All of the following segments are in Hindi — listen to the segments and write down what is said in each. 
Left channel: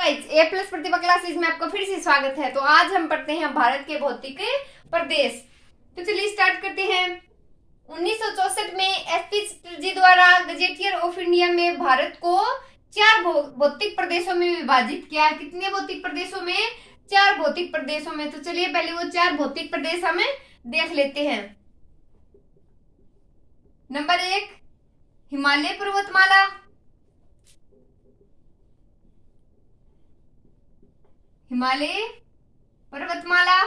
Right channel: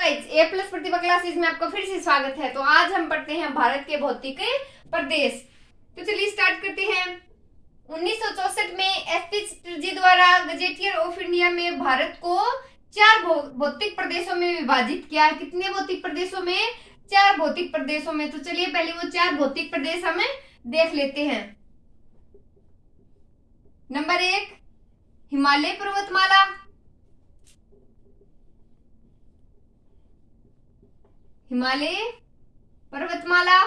ए प्लस प्रतिभा क्लासेस में आपका फिर से स्वागत है। तो आज हम पढ़ते हैं भारत के भौतिक प्रदेश। तो चलिए स्टार्ट करते हैं। 1964 में एसपी चटर्जी द्वारा गजेटियर ऑफ इंडिया में भारत को 4 भौतिक प्रदेशों में विभाजित किया है। कितने भौतिक प्रदेशों में? 4 भौतिक प्रदेशों में। तो चलिए पहले वो 4 भौतिक प्रदेश हमें देख लेते हैं। नंबर 1 हिमालय पर्वतमाला। हिमालय पर्वतमाला।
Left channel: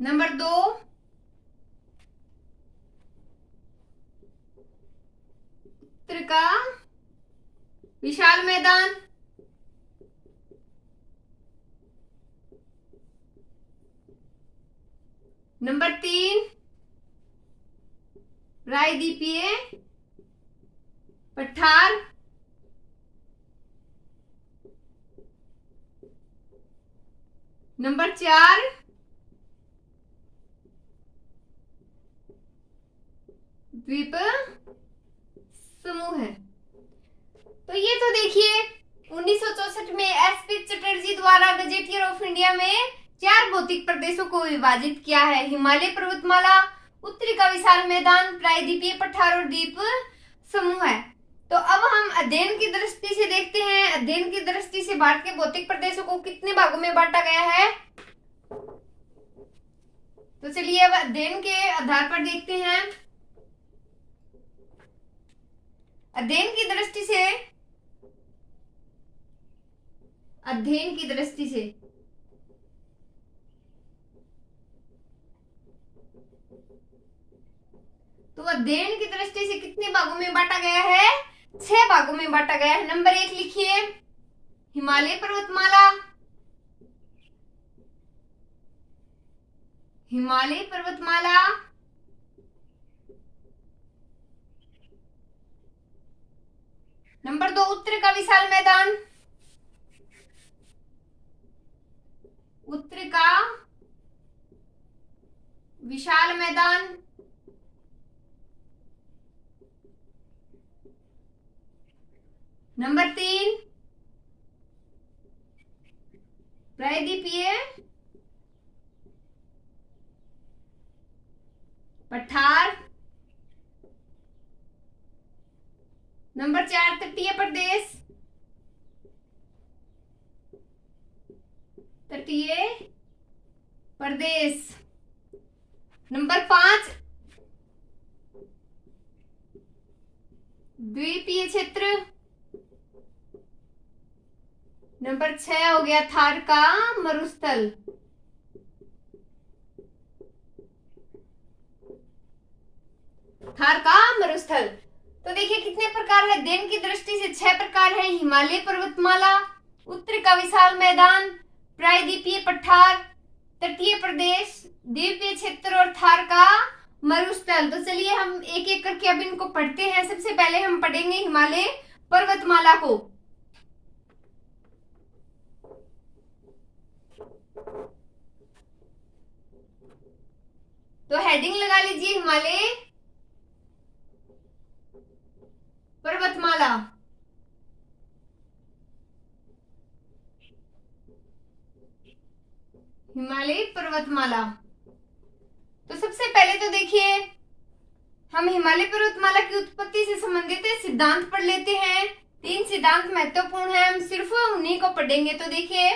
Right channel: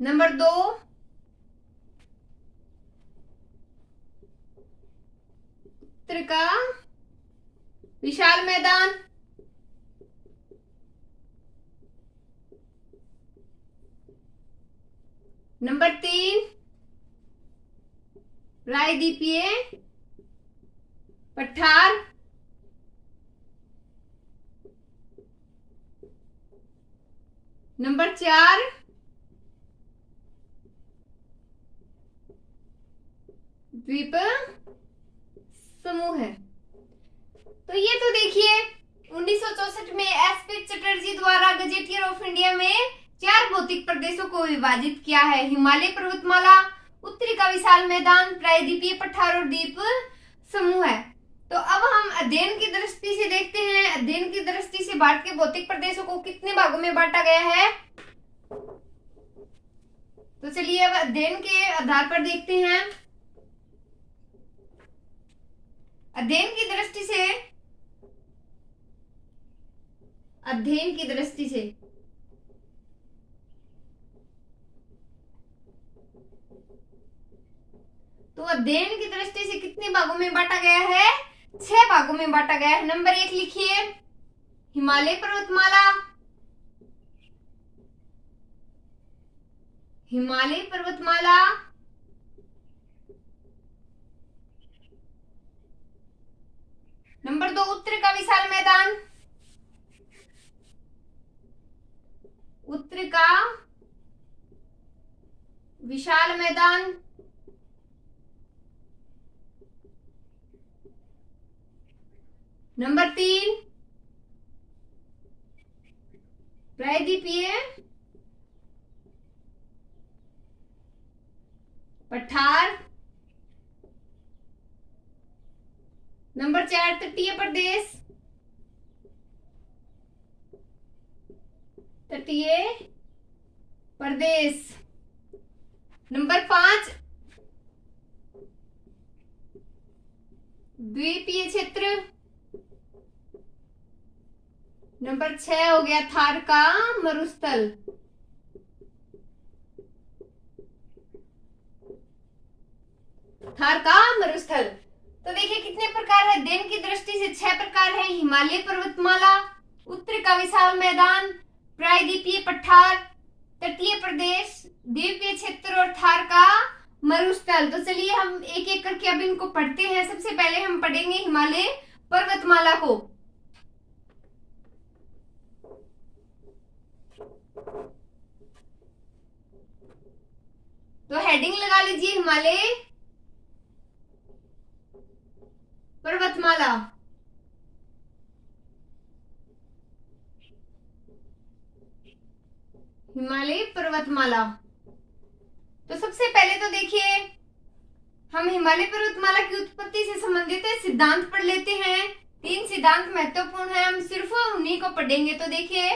नंबर 2 उत्तर का विशाल मैदान। नंबर 3 प्रायद्वीपीय पठार। नंबर 4 द्वीप समूह है। तो ये तो देखिए 1964 में एसपी चटर्जी द्वारा गजेटियर ऑफ इंडिया में 4 भौतिक प्रदेशों को विभाजित किया है। हिमालय पर्वतमाला, उत्तरी का विशाल मैदान, प्रायद्वीपीय पठार और द्वीप समूह है। तो अब हम अध्ययन की दृष्टि से देखते हैं। अध्ययन की दृष्टि से भारत के भौतिक प्रदेशों को कितने भागों में बांटा गया है। तो चलिए अब अध्ययन के आधार पर देखते हैं। अध्ययन की दृष्टि से तो अध्ययन की दृष्टि से कितने भागों में बांटा गया है? 6 भागों में बांटा गया है। नंबर 1 लिखिए हिमालय पर्वतमाला। हिमालय पर्वतमाला। नंबर 2 उत्तर का विशाल मैदान। उत्तर का विशाल मैदान। नंबर 3 प्रायद्वीपीय पठार। नंबर 4 तटीय प्रदेश। तटीय प्रदेश। नंबर 5 द्वीपीय क्षेत्र। नंबर 6 हो गया थार का मरुस्थल। थार का मरुस्थल। तो देखिए कितने प्रकार है अध्ययन की दृष्टि से? 6 प्रकार है। हिमालय पर्वतमाला, उत्तर का विशाल मैदान, प्रायद्वीपीय पठार, तटीय प्रदेश, द्वीपीय क्षेत्र और थार का मरुस्थल। तो चलिए हम एक एक करके अब इनको पढ़ते हैं। सबसे पहले हम पढ़ेंगे हिमालय पर्वतमाला को। तो हेडिंग लगा लीजिए हिमालय पर्वतमाला। हिमालय पर्वतमाला। तो सबसे पहले तो देखिए हम हिमालय पर्वतमाला की उत्पत्ति से संबंधित सिद्धांत पढ़ लेते हैं। 3 सिद्धांत महत्वपूर्ण है, हम सिर्फ उन्हीं को पढ़ेंगे। तो देखिए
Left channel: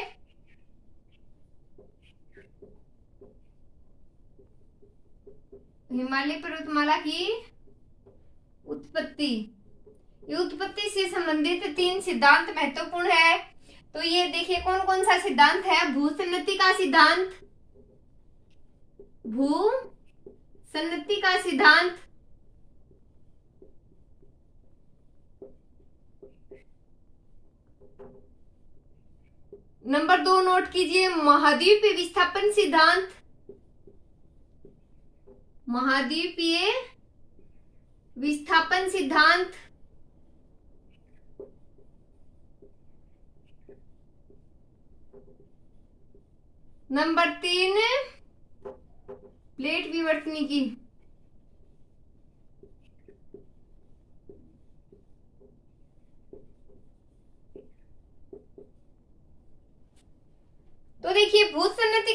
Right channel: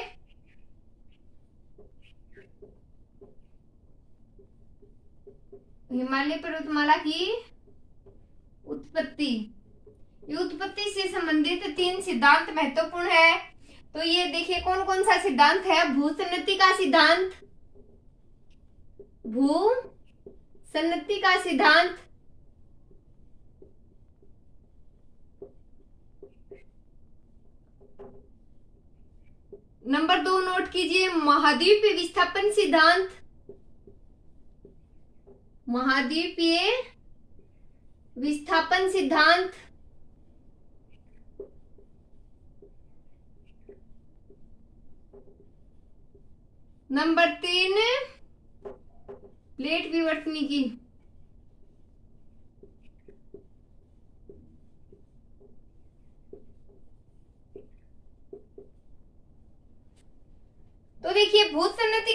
हिमालय पर्वतमाला की उत्पत्ति, ये उत्पत्ति से संबंधित 3 सिद्धांत महत्वपूर्ण है। तो ये देखिए कौन कौन सा सिद्धांत है। भूसन्नति का सिद्धांत, भूसन्नति का सिद्धांत। नंबर 2 नोट कीजिए महाद्वीपीय विस्थापन सिद्धांत। महाद्वीपीय विस्थापन सिद्धांत। नंबर 3 प्लेट विवर्तनी की।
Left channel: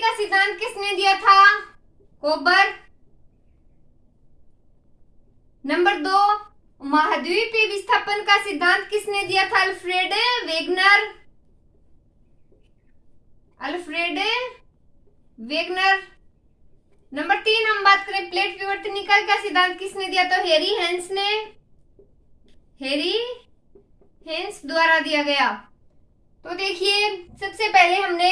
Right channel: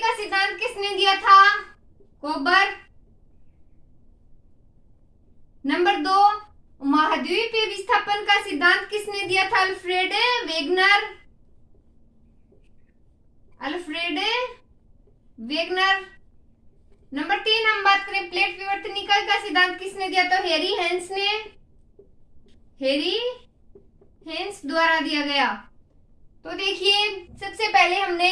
का सिद्धांत किसने दिया था? कोबर। नंबर 2, महाद्वीपीय विस्थापन का सिद्धांत किसने दिया था? Alfred Wegener. Alfred Wegener. Number 3 हम बात करें प्लेट विवर्तनिका का सिद्धांत किसने दिया? तो हेरी हेंस ने, हेरी हेंस द्वारा दिया गया। तो देखिए सबसे पहले हमने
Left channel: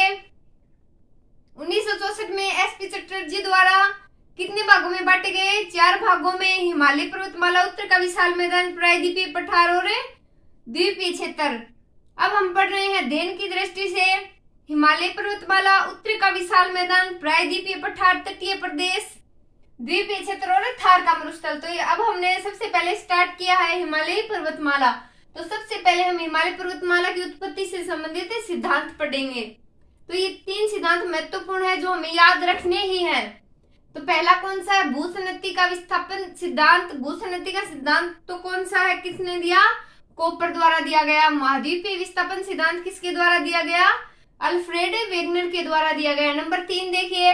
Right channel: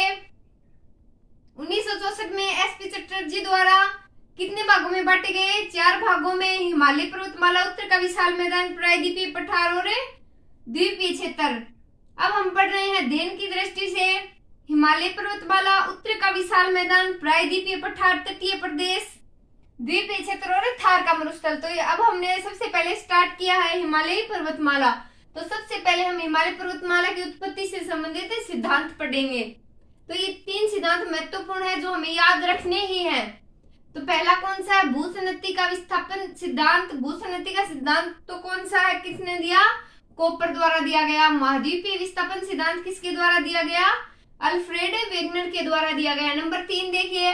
1964 में एसपी चटर्जी द्वारा कितने भागों में बांटे गए? 4 भागों में। हिमालय पर्वतमाला, उत्तर का विशाल मैदान, प्रायद्वीपीय पठार और द्वीपीय क्षेत्र। अब हम पढ़ रहे हैं अध्ययन की दृष्टि से हिमालय पर्वतमाला, उत्तर का विशाल मैदान, प्रायद्वीपीय पठार, तटीय प्रदेश, द्वीपीय क्षेत्र और थार का मरुस्थल। तो अब हमने सबसे पहले स्टार्ट किया है हिमालय पर्वतमाला। तो सबसे पहले हम हिमालय पर्वतमाला की उत्पत्ति से संबंधित सिद्धांत पढ़ेंगे। तो ये 3 सिद्धांत महत्वपूर्ण है जो हमें याद रखने ही हैं। तो पहला कौन सा है? भूसन्नति का विस्थापन सिद्धांत। भूसन्नति का सिद्धांत तो कौन सा है, किसने दिया? कोपर द्वारा दिया गया। महाद्वीपीय विस्थापन सिद्धांत किसके द्वारा दिया गया? अल्फ्रेड वेगनर के द्वारा दिया गया। नंबर 3 देखिए,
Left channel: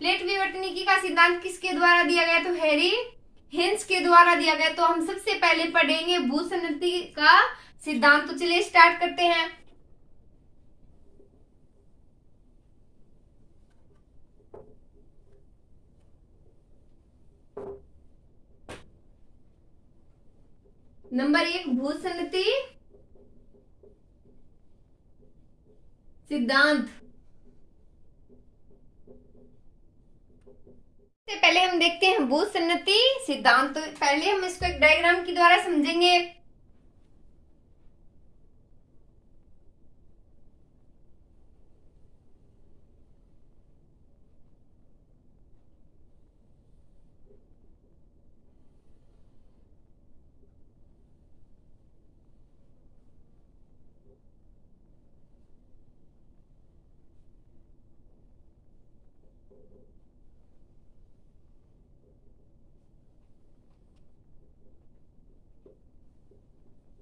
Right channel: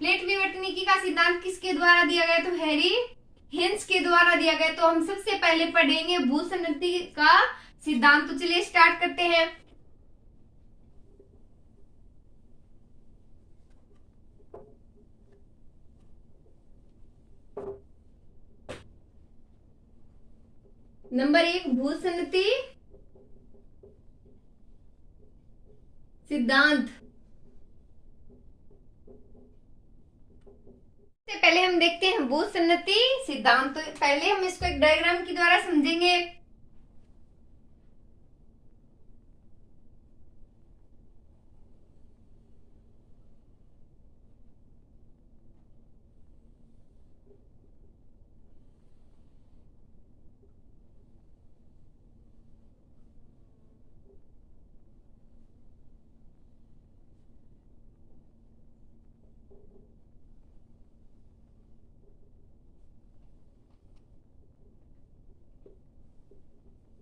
प्लेट विवर्तनिकी का सिद्धांत किसके द्वारा दिया गया? तो हेरी हेंस के द्वारा दिया गया। तो हम सबसे पहले पढ़ेंगे भूसन्नति का सिद्धांत। तो चलिए स्टार्ट करते हैं। नंबर 1 भूसन्नति सिद्धांत। सबसे पहले हम देखते हैं भूसन्नति सिद्धांत। तो पहले हम इसको एक डायग्राम के द्वारा समझेंगे।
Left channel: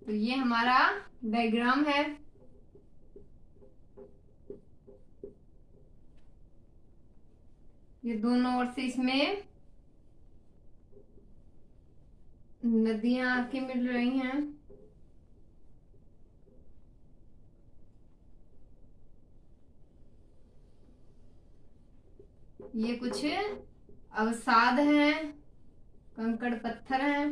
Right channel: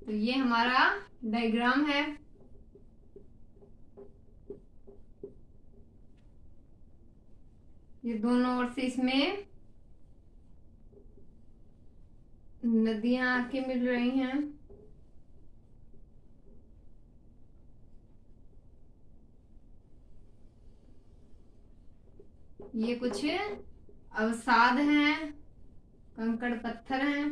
तो ये हमारा डायग्राम है। ये दोनों ओर से इसमें नदियां आके मिल रही हैं। ये कुछ अवसाद हैं, कंकड़ पत्थर हैं।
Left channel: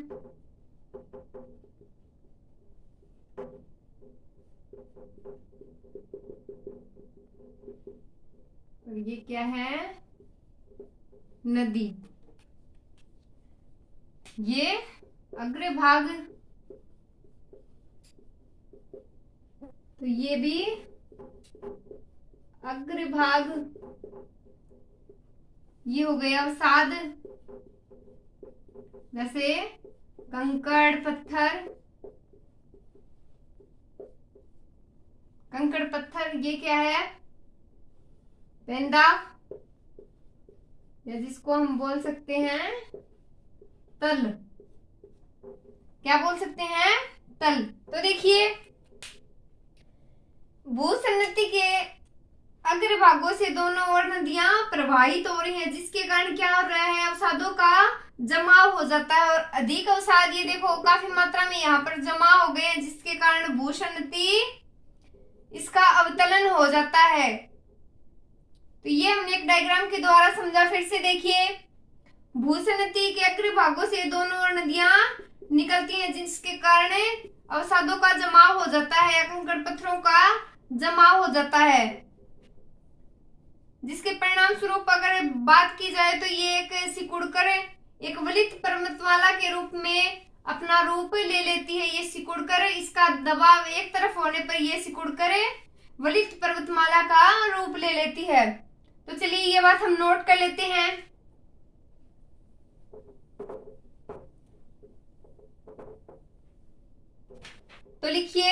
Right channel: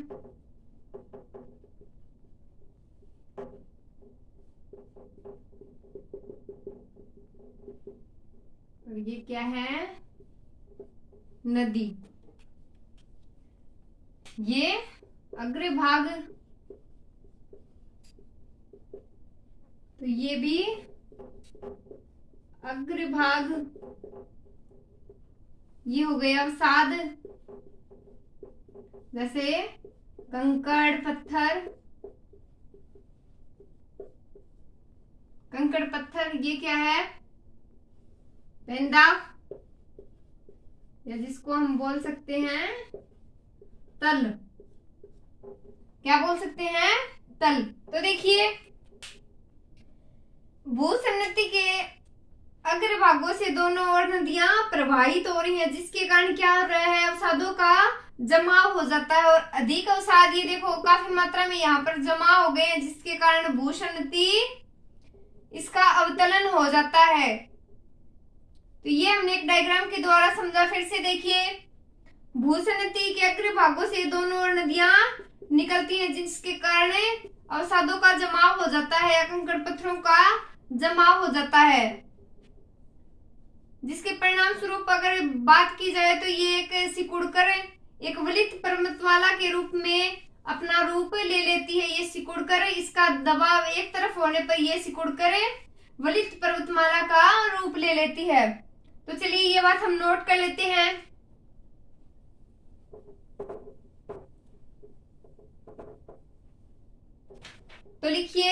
और ये क्या है? नदी। ये अग्रभाग, तो ये भी अग्रभाग। ये हो गया अवसाद, जैसे कंकड़ पत्थर, कंकड़ पत्थर। ये क्या है? पेंदा, या जिसको हम बोल सकते हैं तल। क्या बोल सकते हैं? तल। तो देखिए भूसन्नति के अग्रभागों से दोनों ओर नदियां प्रवाहित हो रही हैं, जिसके कारण क्या हो रहा है? अवसादों का जमाव हो जाता है। और अधिक अवसाद, ये देखो काफी मात्रा में यहाँ पर जमा हो गए हैं, जिसके कारण भूसन्नति इसका अवतलन हो जाता है। तो ये हमने एक डायग्राम के द्वारा समझा। फिर से देखिए, भूसन्नति के अग्रभागों से दोनों ओर नदियां निकलती हैं, जिसके कारण अवसादों का जमाव हो जाता है या कंकड़ पत्थरों का जमाव हो जाता है, जिसके परिणाम स्वरूप अगर बात की जाए तो ये एक सिकुड़कर एक वलित पर्वतमाला के रूप में अपना रूप ले लेती है। ये सिकुड़कर, इसका दबाव एक तरफ होने पर ये सिकुड़कर वलित पर्वतमाला का रूप ले लेती है। तो चलिए ये बात हम नोट कर लेते हैं। तो लिखिए,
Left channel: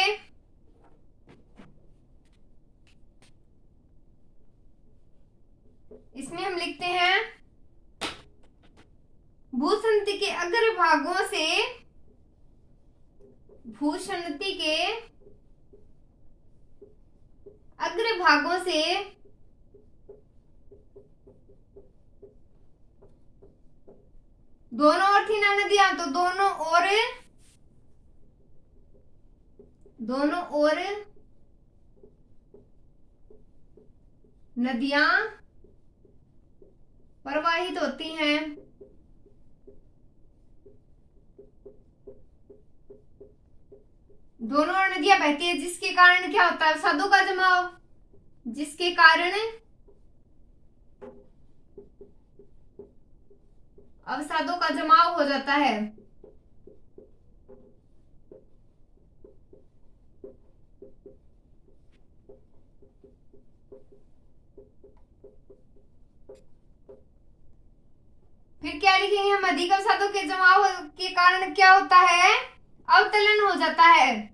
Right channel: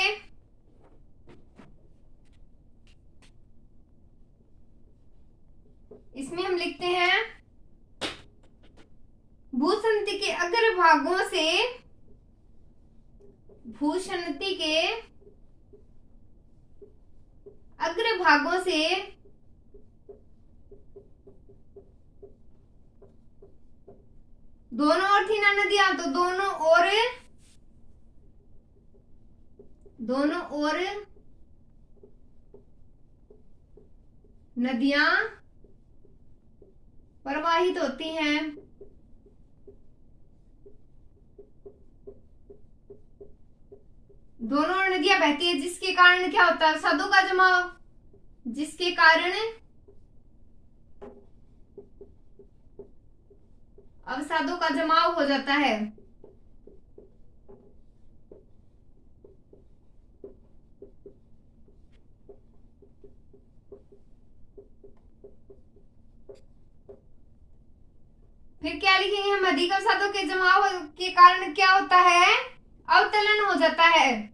इसमें हम लिखते हैं भूसन्नति के अग्रभागों से, भूसन्नति के अग्रभागों से दोनों ओर थी ना नदियां, तो दोनों ओर नदियां प्रवाहित होती हैं। दोनों ओर नदियां बहती है, जिसके कारण क्या होता है? अवसादों का जमाव, जिसके कारण अवसादों का जमाव हो जाता है। फिर क्या लिखेंगे हम? अधिक अवसादों के जमाव के कारण क्या होता है? अवतलन हो जाता है।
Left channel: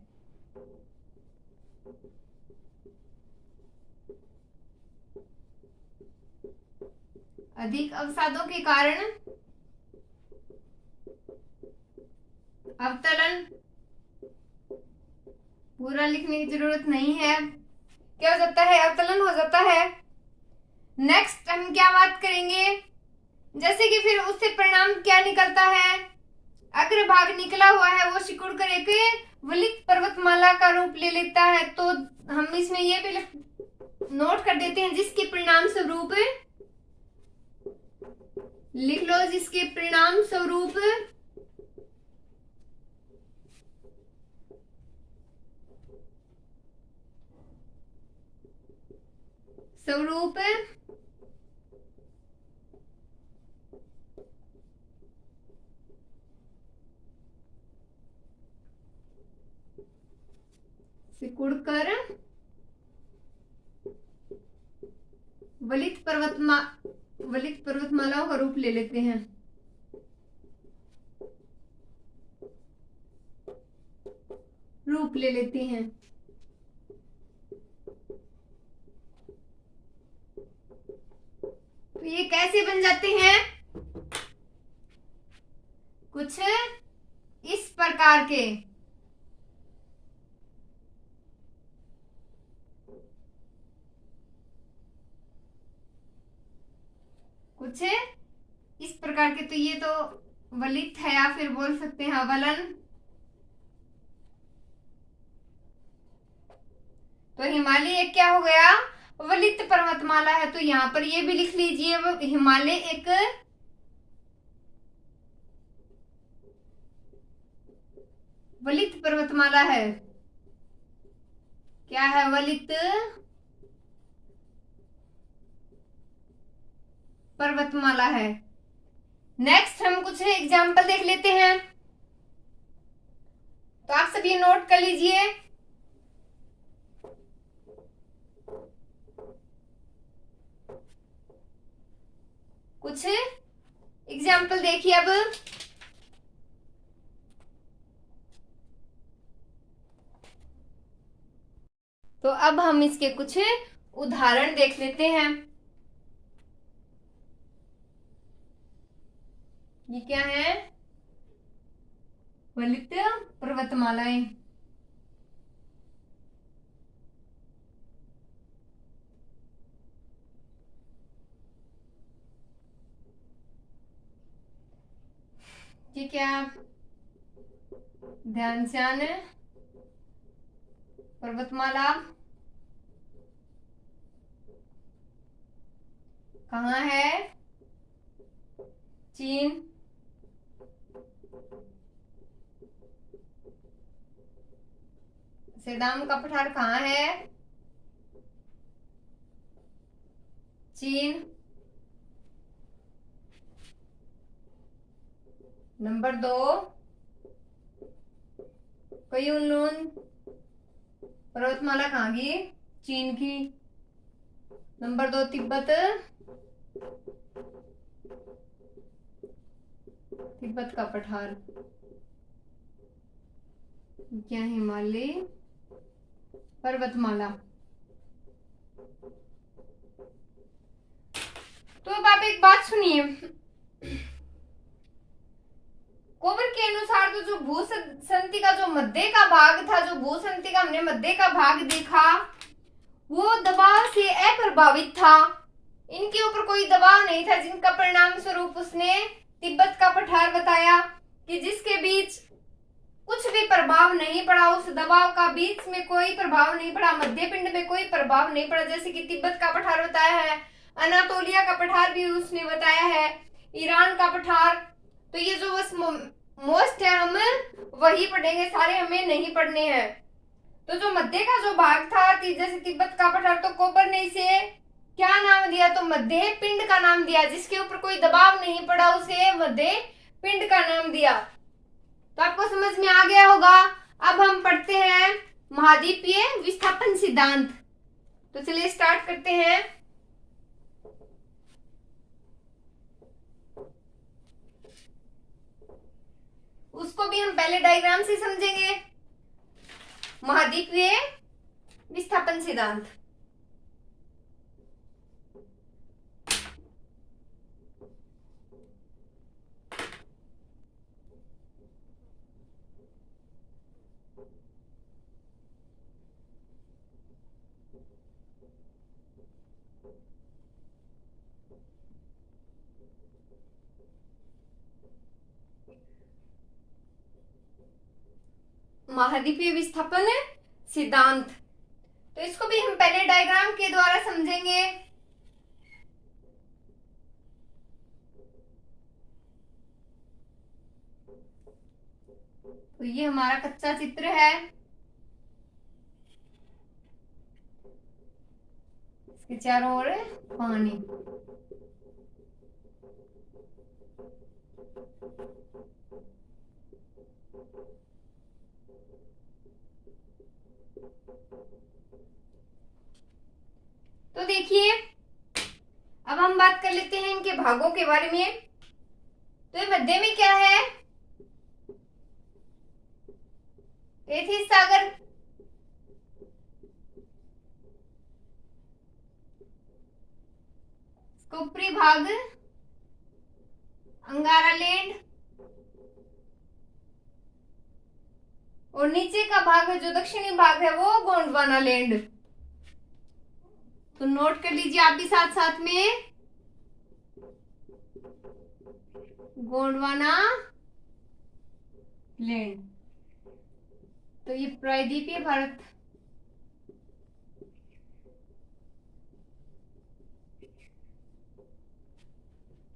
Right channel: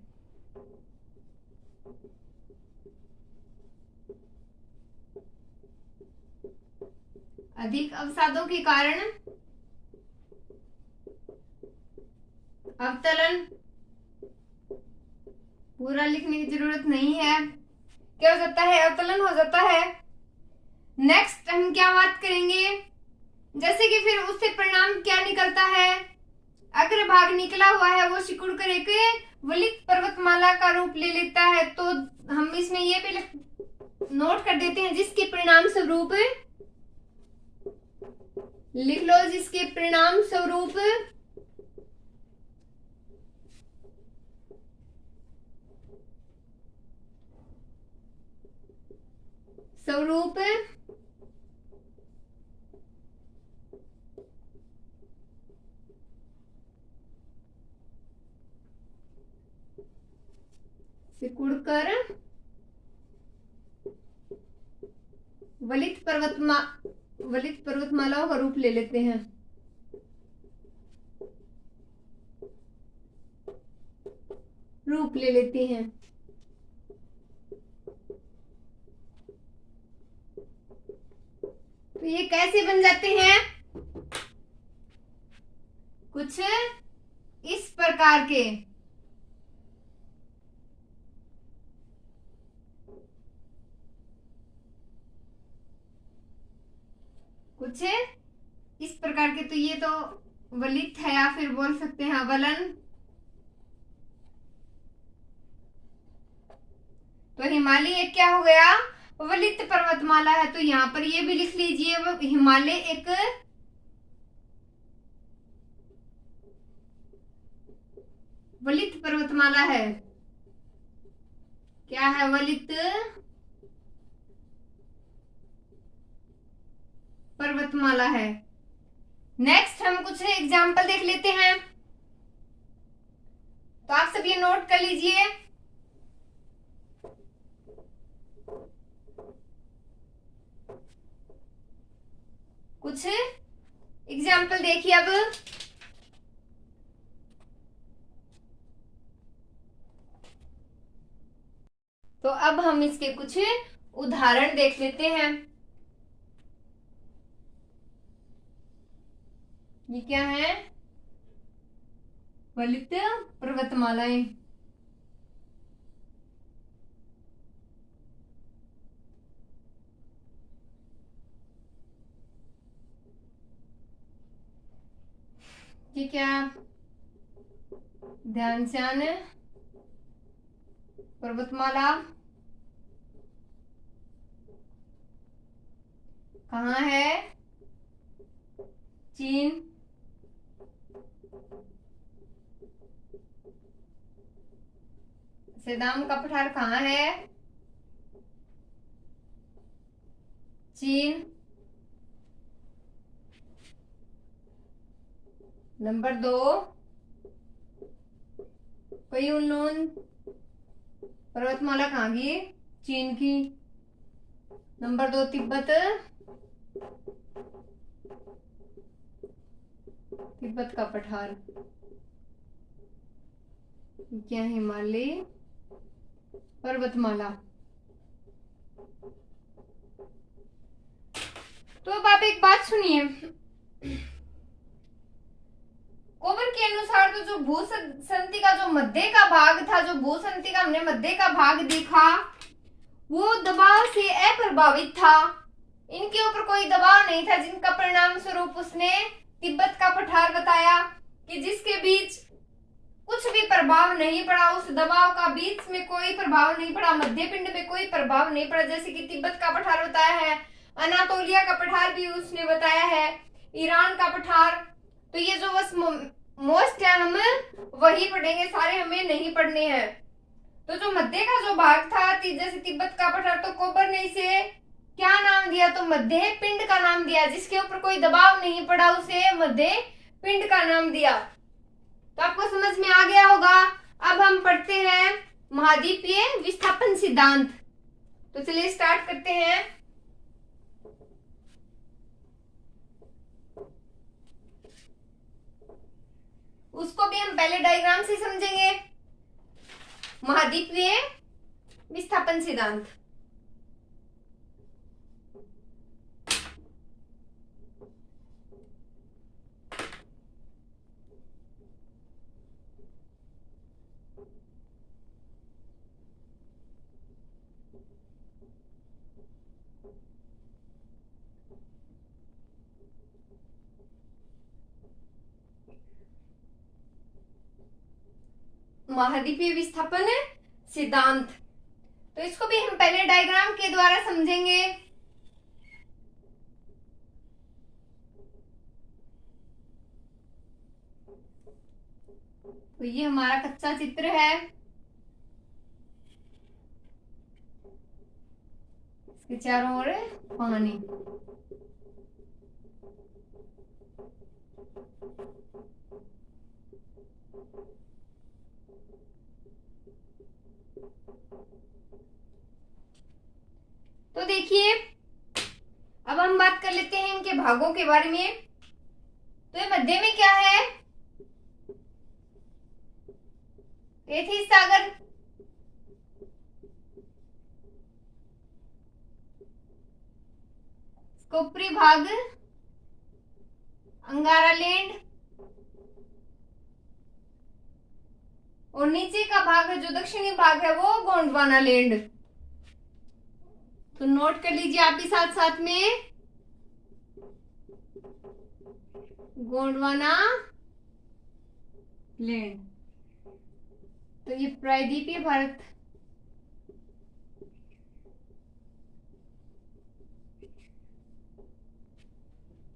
अधिक अवसादों के कारण अवतलन, पूरा लिखने की जरूरत नहीं है। क्या हो जाता है? अवतलन हो जाता है। नेक्स्ट हम क्या बात करेंगे? जैसे कि फिर उससे परिणाम क्या निकलता है? अग्रभाग निकला हुआ है वो सिकुड़ कर एक वलित पर्वतमाला का रूप ले लेता है। तो हम इसमें ये भी नोट कर देते हैं, जिसके परिणाम स्वरूप लिख लो, जिसके परिणाम स्वरूप सिकुड़कर वलित पर्वतमालाओं का रूप ले लेते हैं। तो ये कैसे बन जाते हैं? कुछ इस प्रकार के। कुछ इस प्रकार के। तो ये तो वलित है, या फिर बोल सकते हैं अवलन। तो हिमालय एक क्या हो गया? वलित पर्वतमाला है। तो यहां पर ये भी लिख लीजिए, हिमालय एक वलित पर्वतमाला है। क्या है? वलित पर्वतमाला है। नेक्स्ट हम कुछ एग्जाम्पल देख लेते हैं। तो आप सब ये नोट कर लीजिए। कुछ एग्जाम्पल देखिए अब। तो अब हम इसके कुछ उदाहरण देख लेते हैं। ये क्या है? वलित पर्वतमालाएं। ये क्या? ध्यानश्यान पर्वतमाला कहाँ है? चीन। सेदाम का पठार कहाँ है? चीन। नंबर 2, कुनलुन पर्वतमाला कहाँ की? चीन की। नंबर 2, तिब्बत का पठार। क्या? हिमालय पर्वतमाला। तो अब आप एक बात सुनिए। कोबर के अनुसार तो जो भूसंति का जो मध्य का भाग था, जो भूसंति का हमने मध्य का भाग देखा, वो दबाव से अप्रभावित था। इनके ऊपर कोई दबाव नहीं था, जिनका परिणाम स्वरूप उसने तिब्बत का पठार बताया कि जिसके बीच कुछ भी प्रभाव नहीं पड़ा, उस दबाव का बीच में कोई प्रभाव नहीं पड़ा, मध्य पिंड में कोई प्रभाव नहीं पड़ा, जैसे कि तिब्बत का पठार बताया है। अनातोलिया का पठार भी उसने बताया है, ईरान का पठार। तो ये जो बस मोस्ट है हम वही पढ़ेंगे, सारे हमें नहीं पढ़ने हैं। तो जो मध्य का जो भाग था, जैसे तिब्बत का पठार, तो कोपर ने इसे क्या नाम दिया, तो मध्य पिंड का नाम दिया। जिसके ऊपर कोई दबाव नहीं पड़ा उसे मध्य पिंड का नाम दिया। तो आपको समझ में आ गया होगा। अब हम पढ़ते हैं महाद्वीपीय विस्थापन सिद्धांत। तो चलिए स्टार्ट करते हैं। उसको भी हम पहले डायग्राम से समझेंगे। महाद्वीपीय विस्थापन सिद्धांत। महाद्वीपीय विस्थापन सिद्धांत, तो इसको भी हम पहले डायग्राम के द्वारा समझेंगे। तो ये हमारा कच्चा चित्र है, इसके चारों ओर पानी। तो देखिए अब हम बात कर लेते हैं इनके भागों के बारे में। तो ये मध्य में क्या है, तैथिस सागर, ऊपरी भाग अंगारा लैंड, और नीचे का भाग है जो दक्षिणी भाग है वो गोंडवाना लैंड। तो नोट कर लीजिए आप भी साथ साथ में, गोंडवाना लैंड। तो ये प्रायद्वीपीय भारत,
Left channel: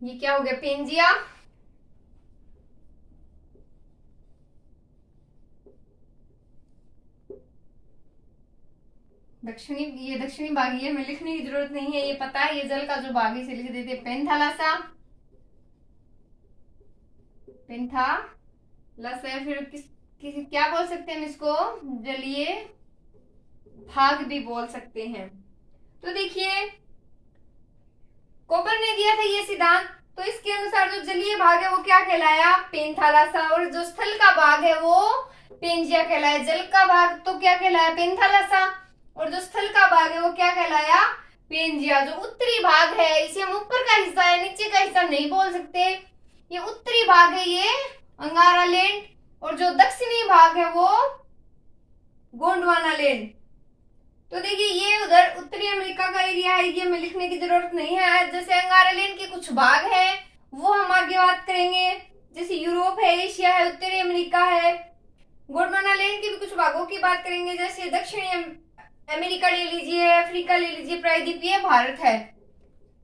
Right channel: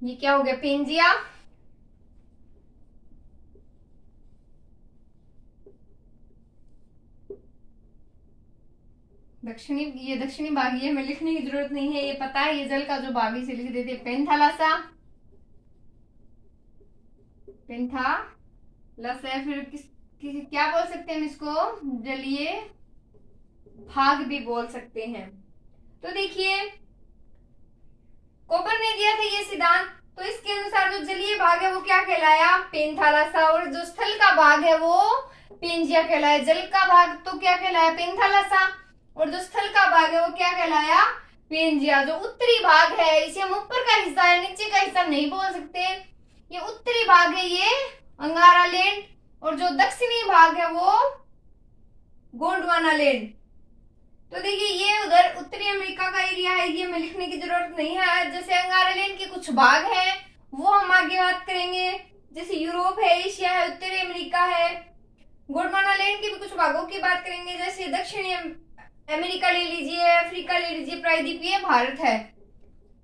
ये क्या हो गया, पेंजिया। दक्षिणी, ये दक्षिणी भाग, ये हमें लिखने की जरूरत नहीं है, ये पता है, ये जल का जो भाग है इसे लिख देते हैं पेंथालासा। पेंथालासा, फिर किसी क्या बोल सकते हैं हम इसको, जलीय भाग भी बोल सकते हैं। तो देखिए कोपर ने दिया था ये सिद्धांत, तो इसके अनुसार जो जलीय भाग है वो क्या कहलाया, पेंथालासा, और जो स्थल का भाग है वो पेंजिया कहलाया। जल का भाग तो क्या कहलाया, पेंथालासा, और जो स्थल का भाग है वो क्या कहलाया, पेंजिया। जो उत्तरी भाग है इसे हम ऊपर का हिस्सा है, नीचे का हिस्सा नहीं बोल सकते, ये उत्तरी भाग है ये अंगारा लैंड, और जो दक्षिणी भाग है वो गोंडवाना लैंड। तो देखिए ये उधर उत्तरी अमेरिका का एरिया है, ये हमें लिखने की जरूरत नहीं है। जैसे अंगारा लैंड के कुछ भाग है वो हम आगे बात करेंगे, जैसे यूरोप है, एशिया है, उत्तरी अमेरिका है। गोंडवाना लैंड के भी कुछ भागों की बात करेंगे, जैसे दक्षिणी अमेरिका ले लीजिए, अफ्रीका ले लीजिए, प्रायद्वीपीय भारत है।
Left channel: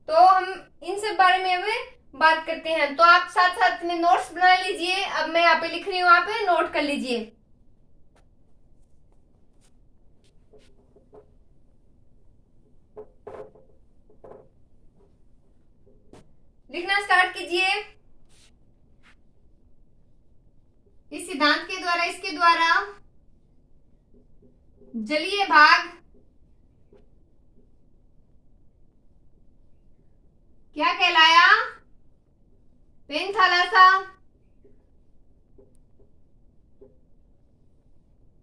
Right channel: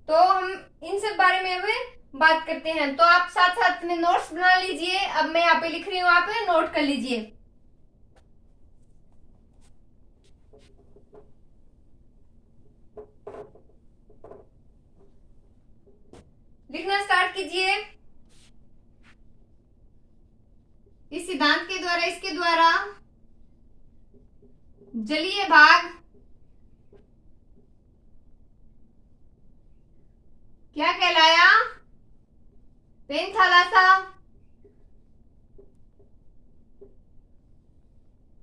तो हम इन सब बारे में अभी बात करते हैं। तो आप साथ साथ में नोट्स बना लीजिए, अब मैं यहाँ पे लिख रही हूँ, आप नोट कर लीजिए। लिखना स्टार्ट कीजिए। इस सिद्धांत के द्वारा, इसके द्वारा जलीय भाग क्या कहलाया, पेंथालासा,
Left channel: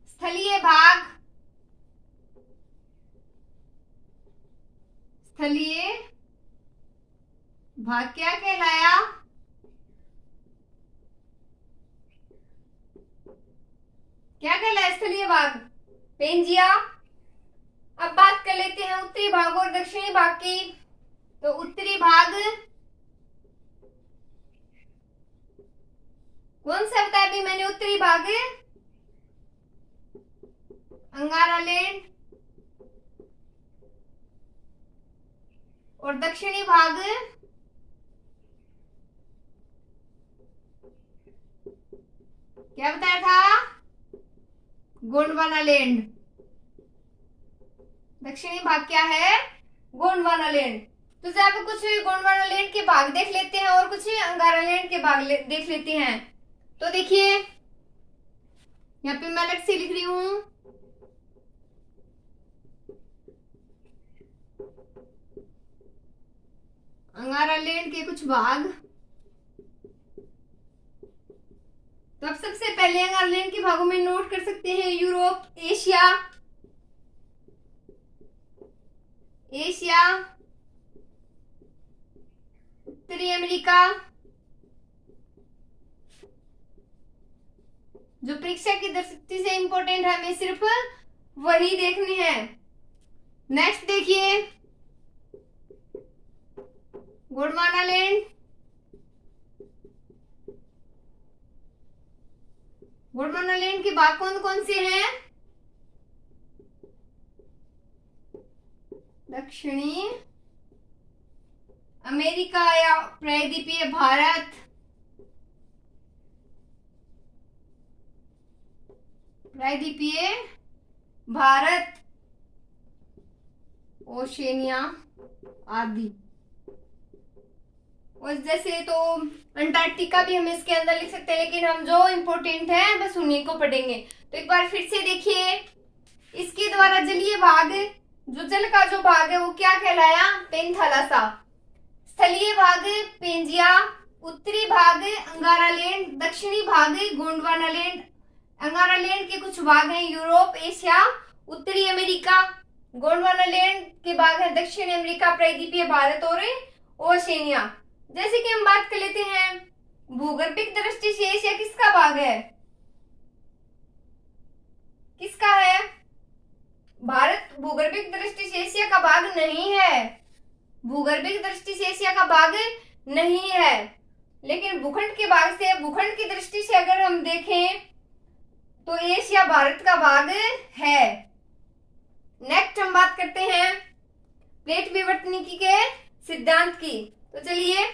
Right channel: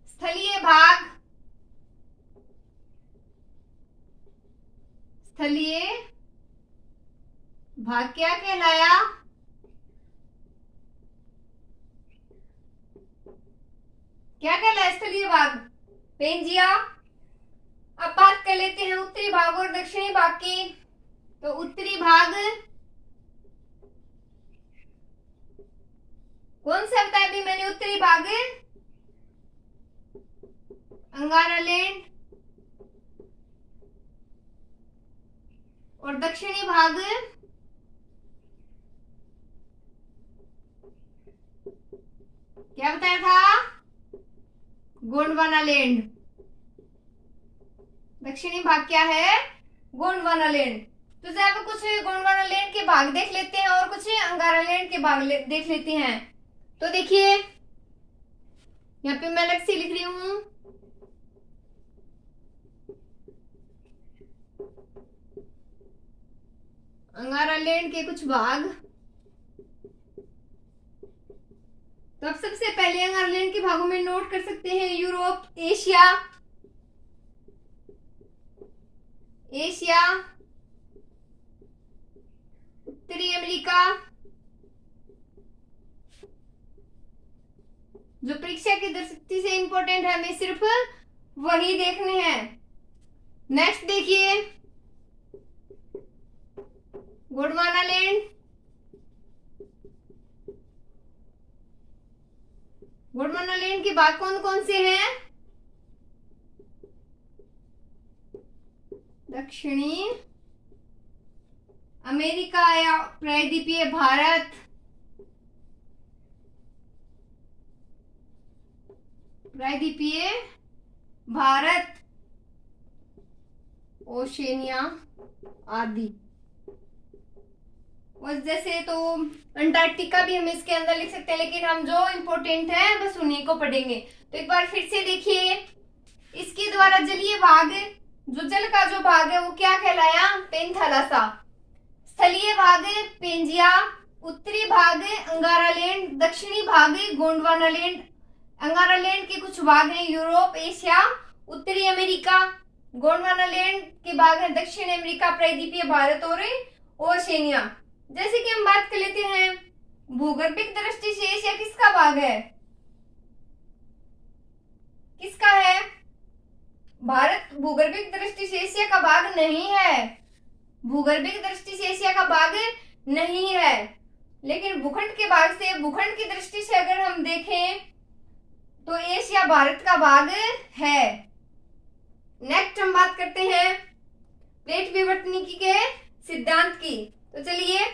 स्थलीय भाग, स्थलीय भाग क्या कहलाया, क्या कहलाया स्थलीय भाग, पेंजिया। अब बात कर लेते हैं उत्तरी भाग और दक्षिणी भाग की। तो उत्तरी भाग कौन सा बताया अभी मैंने? उत्तरी भाग अंगारा लैंड और दक्षिणी भाग क्या बताया था? गोंडवाना लैंड। दक्षिणी भाग क्या है? गोंडवाना लैंड। तो यहाँ पे कुछ गोंडवाना लैंड के भाग देख लेते हैं और कुछ अंगारा लैंड के भाग देख लेते हैं। तो देखिए यहाँ पे मैं अलग से लिख रही हूं, अंगारा लैंड के कुछ भाग। तो अब सबसे पहले अंगारा लैंड के भागों में नोट कर सकते हैं यूरोप, एशिया, उत्तरी अमेरिका। जो परीक्षा की दृष्टि से इंपॉर्टेंट है, हमें सिर्फ वही देखने हैं। नेक्स्ट देखिए गोंडवाना लैंड। गोंडवाना लैंड के भाग कौन कौन से हैं? दक्षिणी अमेरिका या प्रायद्वीपीय भारत, प्रायद्वीपीय भारत, ओशेनिया आदि। और जैसे तो अंटार्कटिका भी हम इसके अंदर लिख सकते हैं, लेकिन हम जो इम्पोर्टेंट है बस उन्हीं को पढ़ेंगे। तो एक बार फिर से देखिए, इसके द्वारा जलीय भाग, जो जल का जो भाग है वो क्या कहलाया? पेंथालासा। स्थलीय भाग पेंजिया, उत्तरी भाग अंगारा लैंड, दक्षिणी भाग गोंडवाना लैंड। अंगारा लैंड के कुछ भाग हैं यूरोप, एशिया, उत्तरी अमेरिका। गोंडवाना लैंड के भाग हैं दक्षिण अमेरिका, प्रायद्वीपीय भारत और ओशेनिया। जैसे कि हम बात कर लेते हैं भूगर्भिक दृष्टि से एशिया किसका भाग है? किसका है? भारत भूगर्भिक दृष्टि से एशिया का भाग नहीं है। भूगर्भिक दृष्टि से एशिया का भाग नहीं है, लेकिन भूखंड के भाग से, भूखंड की दृष्टि से अगर हम देखें तो एशिया भारत का भाग है। नेक्स्ट हम बात करते हैं प्लेट विवर्तनिकी के सिद्धांत की। तो चलिए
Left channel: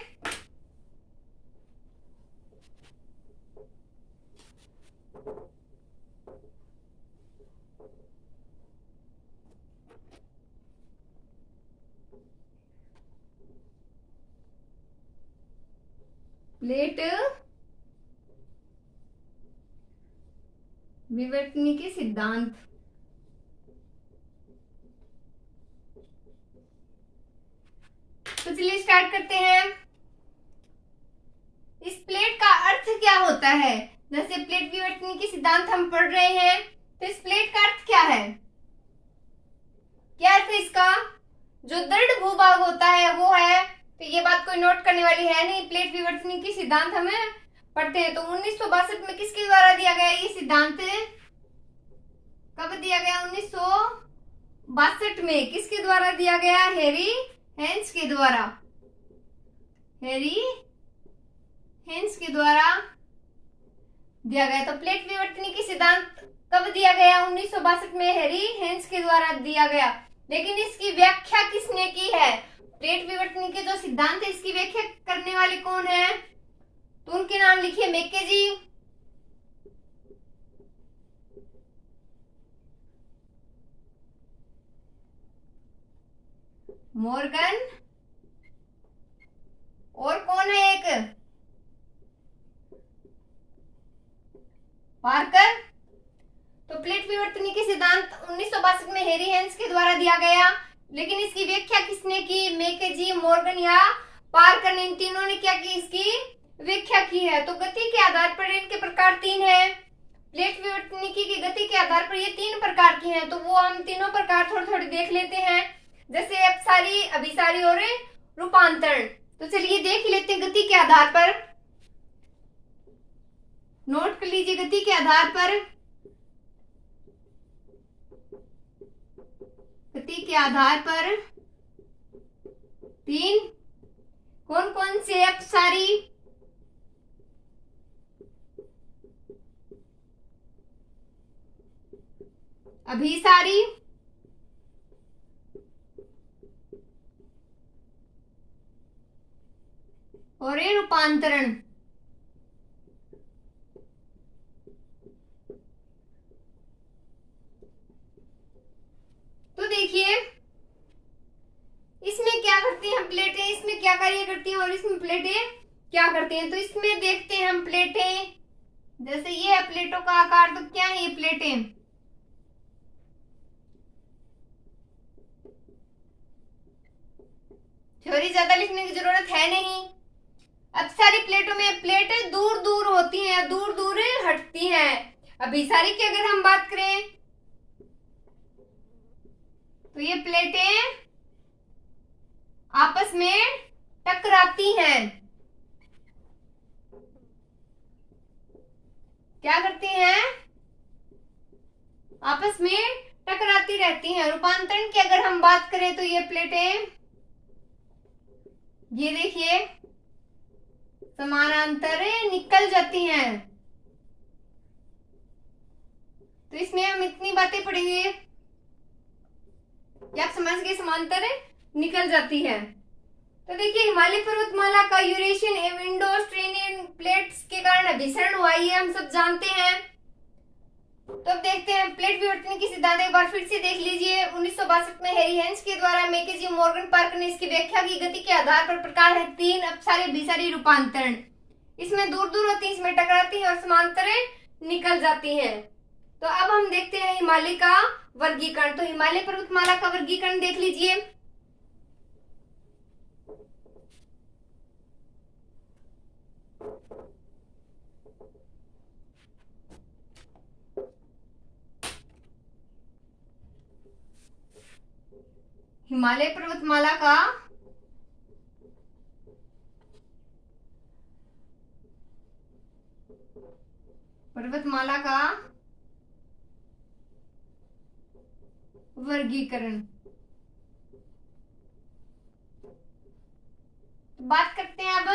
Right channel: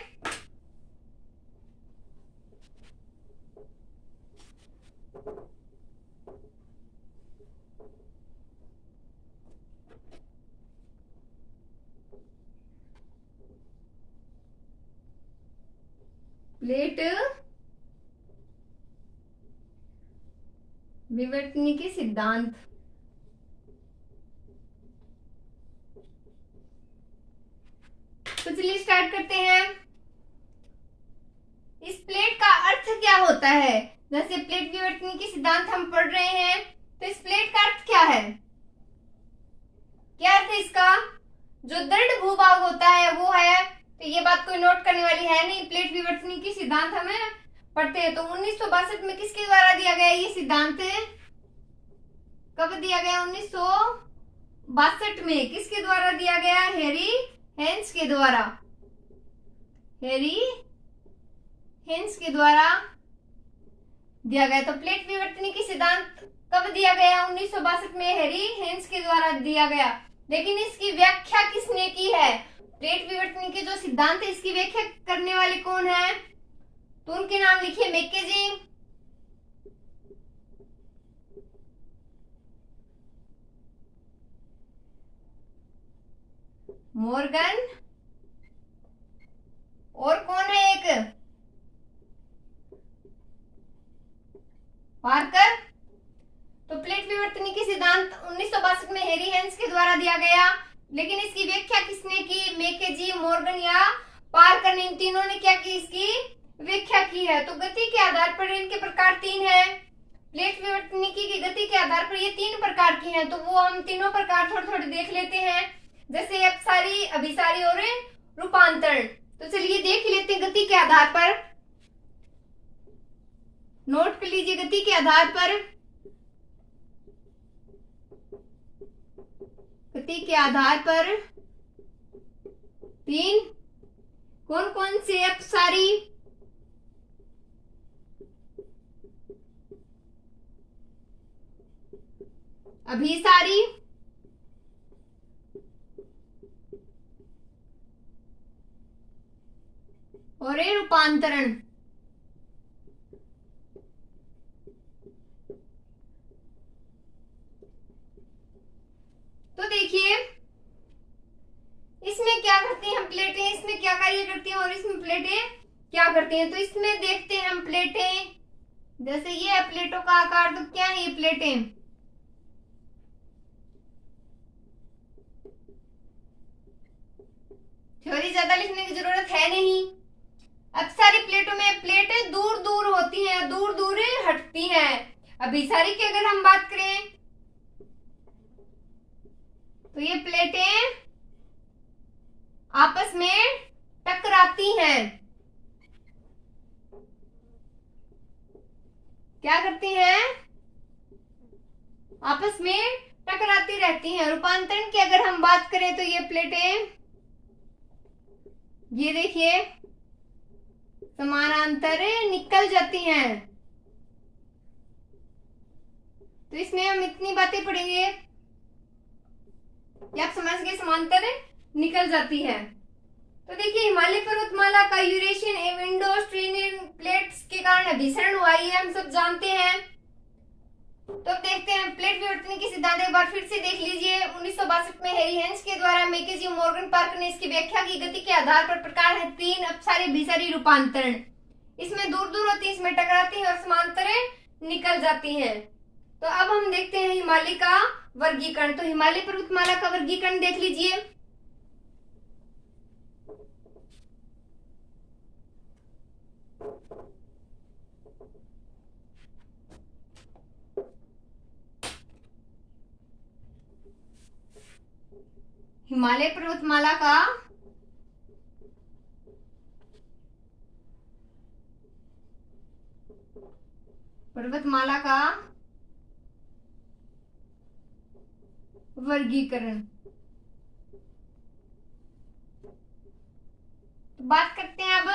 प्लेट विवर्तनिकी सिद्धांत। तो चलिए स्टार्ट करते हैं। इस प्लेट का अर्थ क्या होता है? जैसे प्लेट विवर्तनिकी सिद्धांत हम पढ़ रहे हैं, तो इस प्लेट का अर्थ क्या है? क्या अर्थ है इसका? जो दृढ़ भूभाग होता है वो है। तो ये बात कोई नोट करने वाली है नहीं, प्लेट विवर्तनिकी सिद्धांत हमें पढ़ते हैं। तो 1962 में किसके द्वारा दिया गया ये सिद्धांत? कब दिया गया? 1962 में। किसके द्वारा दिया गया? हैरी हेंस के द्वारा। हैरी हेंस के द्वारा दिया गया। तो प्लेट विवर्तनिकी सिद्धांत कब दिया गया? 1962 में हैरी हेंस के द्वारा दिया गया। लेकिन इसकी व्याख्या किसने की है? प्लेट विवर्तनिकी जो सिद्धांत है इसकी व्याख्या करने वाले कौन है? तो उनके नाम लिखिए। मैकेजी, मॉर्गन, और कौन है एक? पार्कर। तो प्लेट विवर्तनिकी सिद्धांत 1962 में हैरी हेंस के द्वारा दिया गया, लेकिन इसकी व्याख्या किसने की? मैकेजी, मॉर्गन या पार्कर। इन तीनों ने क्या की? इसकी व्याख्या की है। तो गति के आधार पर इनके प्रकार तीन हैं। प्लेट विवर्तनिकी की गति के आधार पर ये तीन प्रकार की हैं। तो वो हम तीनों प्रकार थोड़ी थोड़ी देख लेते हैं, जैसे अपसारी, अभिसारी और रूपांतरण। तो चलिए देख लेते हैं गति के आधार पर। नोट कर लीजिए गति के आधार पर। गति के आधार पर तीन कौन कौन से? अपसारी, अभिसारी, और ये रूपांतरण। तो देखिए इसमें क्या करती हैं हम प्लेटें, इसमें क्या कार्य करती हैं और इसमें प्लेटें क्या करती हैं। तो इसमें देखते हैं हम प्लेटें, जैसे ये है प्लेटों का आकार, तो क्या है ये प्लेटें, थ्योरी ज्यादा लिखने की जरूरत है नहीं। अब सारी प्लेटों में प्लेटें दूर दूर होती हैं, दूर दूर हटती हैं। अभिसारी की अगर हम बात करें तो ये प्लेटें आपस में टकराती हैं, क्या करती हैं, आपस में टकराती रहती हैं। रूपांतरण की अगर हम बात करें तो ये प्लेटें, ये देखिए समानांतर निकल जाती हैं। तो इसमें हम इतनी बातें पढ़ेंगे कि आप समझ गए, समांतर निकल जाती है। तो देखिए हिमालय पर्वतमाला का यूरेशियन एवं इंडो ऑस्ट्रेलियन प्लेट्स के कारण अभिसरण हुआ, ये हम सब जानते हैं। तो अब देखते हैं प्लेट विवर्तन की सिद्धांत एक बार फिर से देख लीजिए। 1962 में हैरी हेंस के द्वारा मैकेजी मॉर्गन पार्कर ने इसकी व्याख्या की। गति के आधार पर प्रकार है 3, अपसारी, अभिसारी, रूपांतरण। इसमें दूर दूर होती है, इसमें टकराती है और समांतर निकल जाती है। तो अब हम देखते हैं हिमालय का वर्गीकरण। तो हिमालय पर्वतमाला का वर्गीकरण देख लीजिए। हिमालय पर्वतमाला का वर्गीकरण। बात करते हैं अब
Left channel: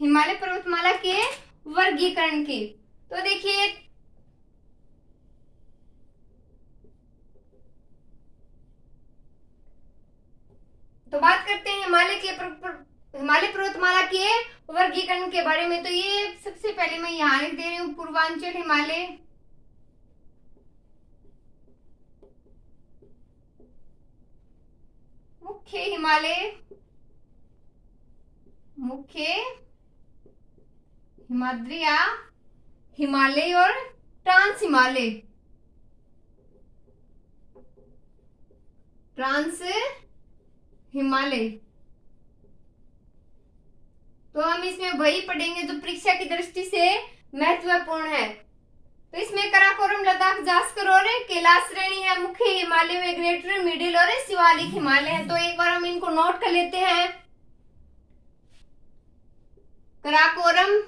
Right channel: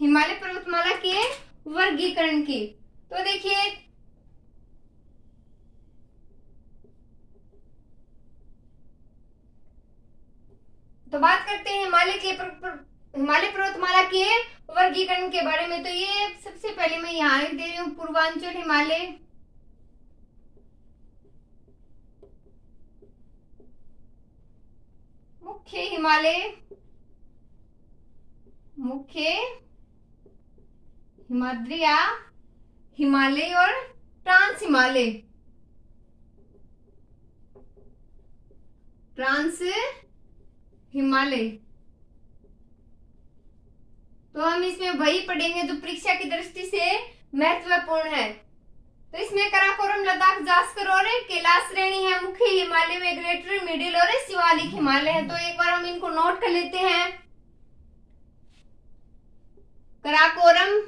हिमालय पर्वतमाला के वर्गीकरण की। तो देखिए तो बात करते हैं हिमालय पर्वतमाला के वर्गीकरण के बारे में। तो ये सबसे पहले मैं यहाँ लिख दे रही हूँ पूर्वांचल हिमालय, मुख्य हिमालय, मुख्य हिमाद्री या हिमालय और ट्रांस हिमालय, ट्रांस हिमालय। तो हम इसमें वही पढ़ेंगे जो परीक्षा की दृष्टि से महत्वपूर्ण है। तो इसमें कराकोरम, लद्दाख, जास्कर और कैलाश श्रेणी है। मुख्य हिमालय में ग्रेटर, मिडिल और शिवालिक हिमालय है। तो एक बार हम इनको नोट कर लेते हैं। कराकोरम,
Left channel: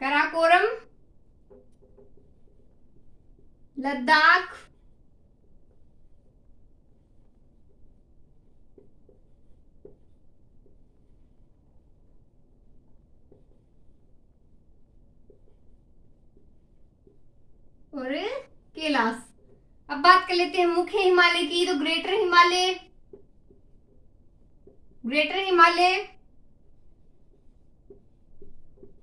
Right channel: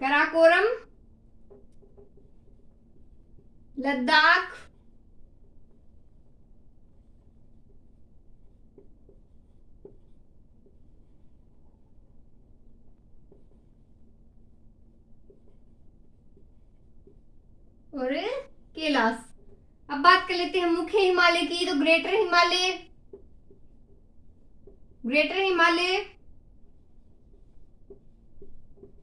कराकोरम, लद्दाख, और कैलाश। अब बात कर लेते हैं मुख्य हिमालय की। तो greater Himalaya, greater Himalaya.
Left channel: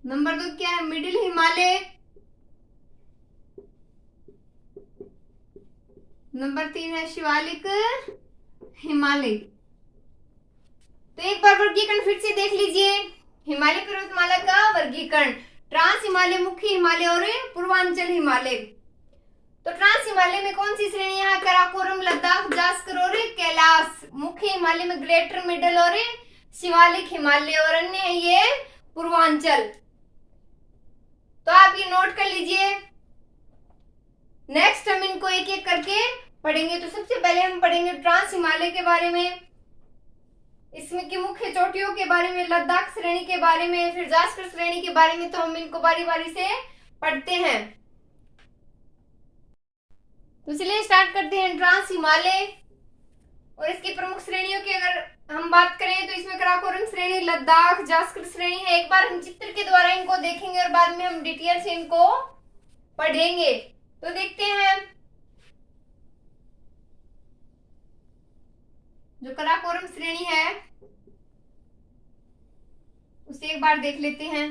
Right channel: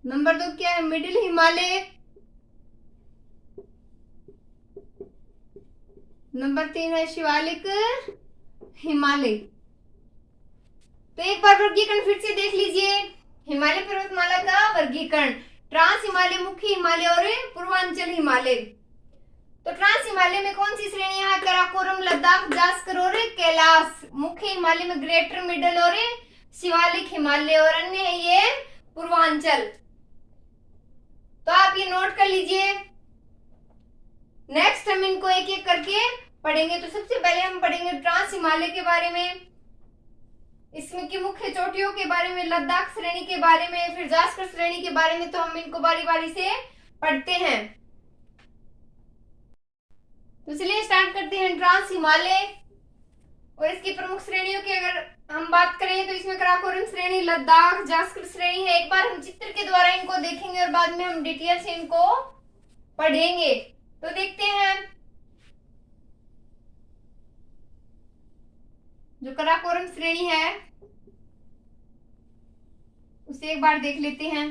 Number 2 क्या है, मिडिल हिमालय। नंबर 3 है शिवालिक हिमालय। तो एक बार वर्गीकरण फिर से देख लीजिए। हिमालय पर्वतमाला का वर्गीकरण, ट्रांस हिमालय, मुख्य हिमालय और पूर्वांचल हिमालय। तो ट्रांस हिमालय में कौन सी श्रेणियां हैं, कराकोरम, लद्दाख, जास्कर और कैलाश। मुख्य हिमालय में ग्रेटर, मिडिल और शिवालिक हिमालय, और अन्य है ये पूर्वांचल। तो आप ये नोट कर लीजिए। नेक्स्ट हम इनको एक एक करके पढ़ेंगे। तो सबसे पहले हम पढ़ेंगे ट्रांस हिमालय के बारे में, इसमें की मुख्य चोटियों के बारे में, लद्दाख श्रेणी के बारे में, फिर जास्कर श्रेणी के बारे में। तो हम इनको बारी बारी से पढ़ते हैं। तो चलिए स्टार्ट करते हैं। ट्रांस हिमालय। और इसकी प्रमुख श्रेणियों की अगर हम बात करें तो इसमें कराकोरम श्रेणी, लद्दाख, जास्कर श्रेणी है। एक बार हम चित्र के द्वारा इनको देखेंगे और बाद में हम डिटेल से इनको पढ़ेंगे। तो देखते हैं जो कराकोरम श्रेणी है उसे एक बार देख लेते हैं।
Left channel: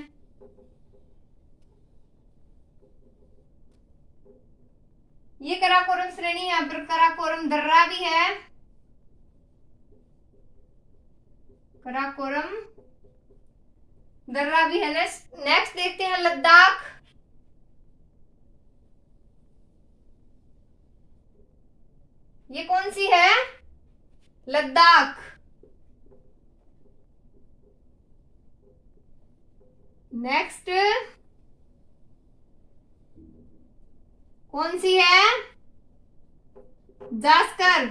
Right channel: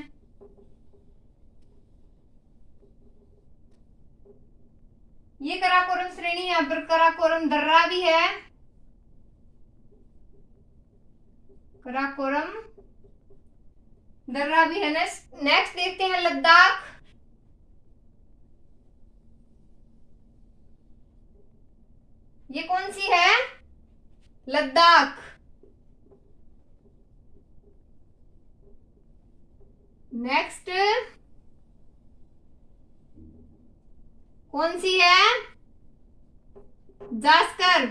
ये कराकोरम श्रेणी है, यहाँ पर कराकोरम दर्रा भी है, कराकोरम दर्रा भी है। नेक्स्ट देखते हैं लद्दाख। ये कौन सी है? लद्दाख। नेक्स्ट कौन सी है? जास्कर।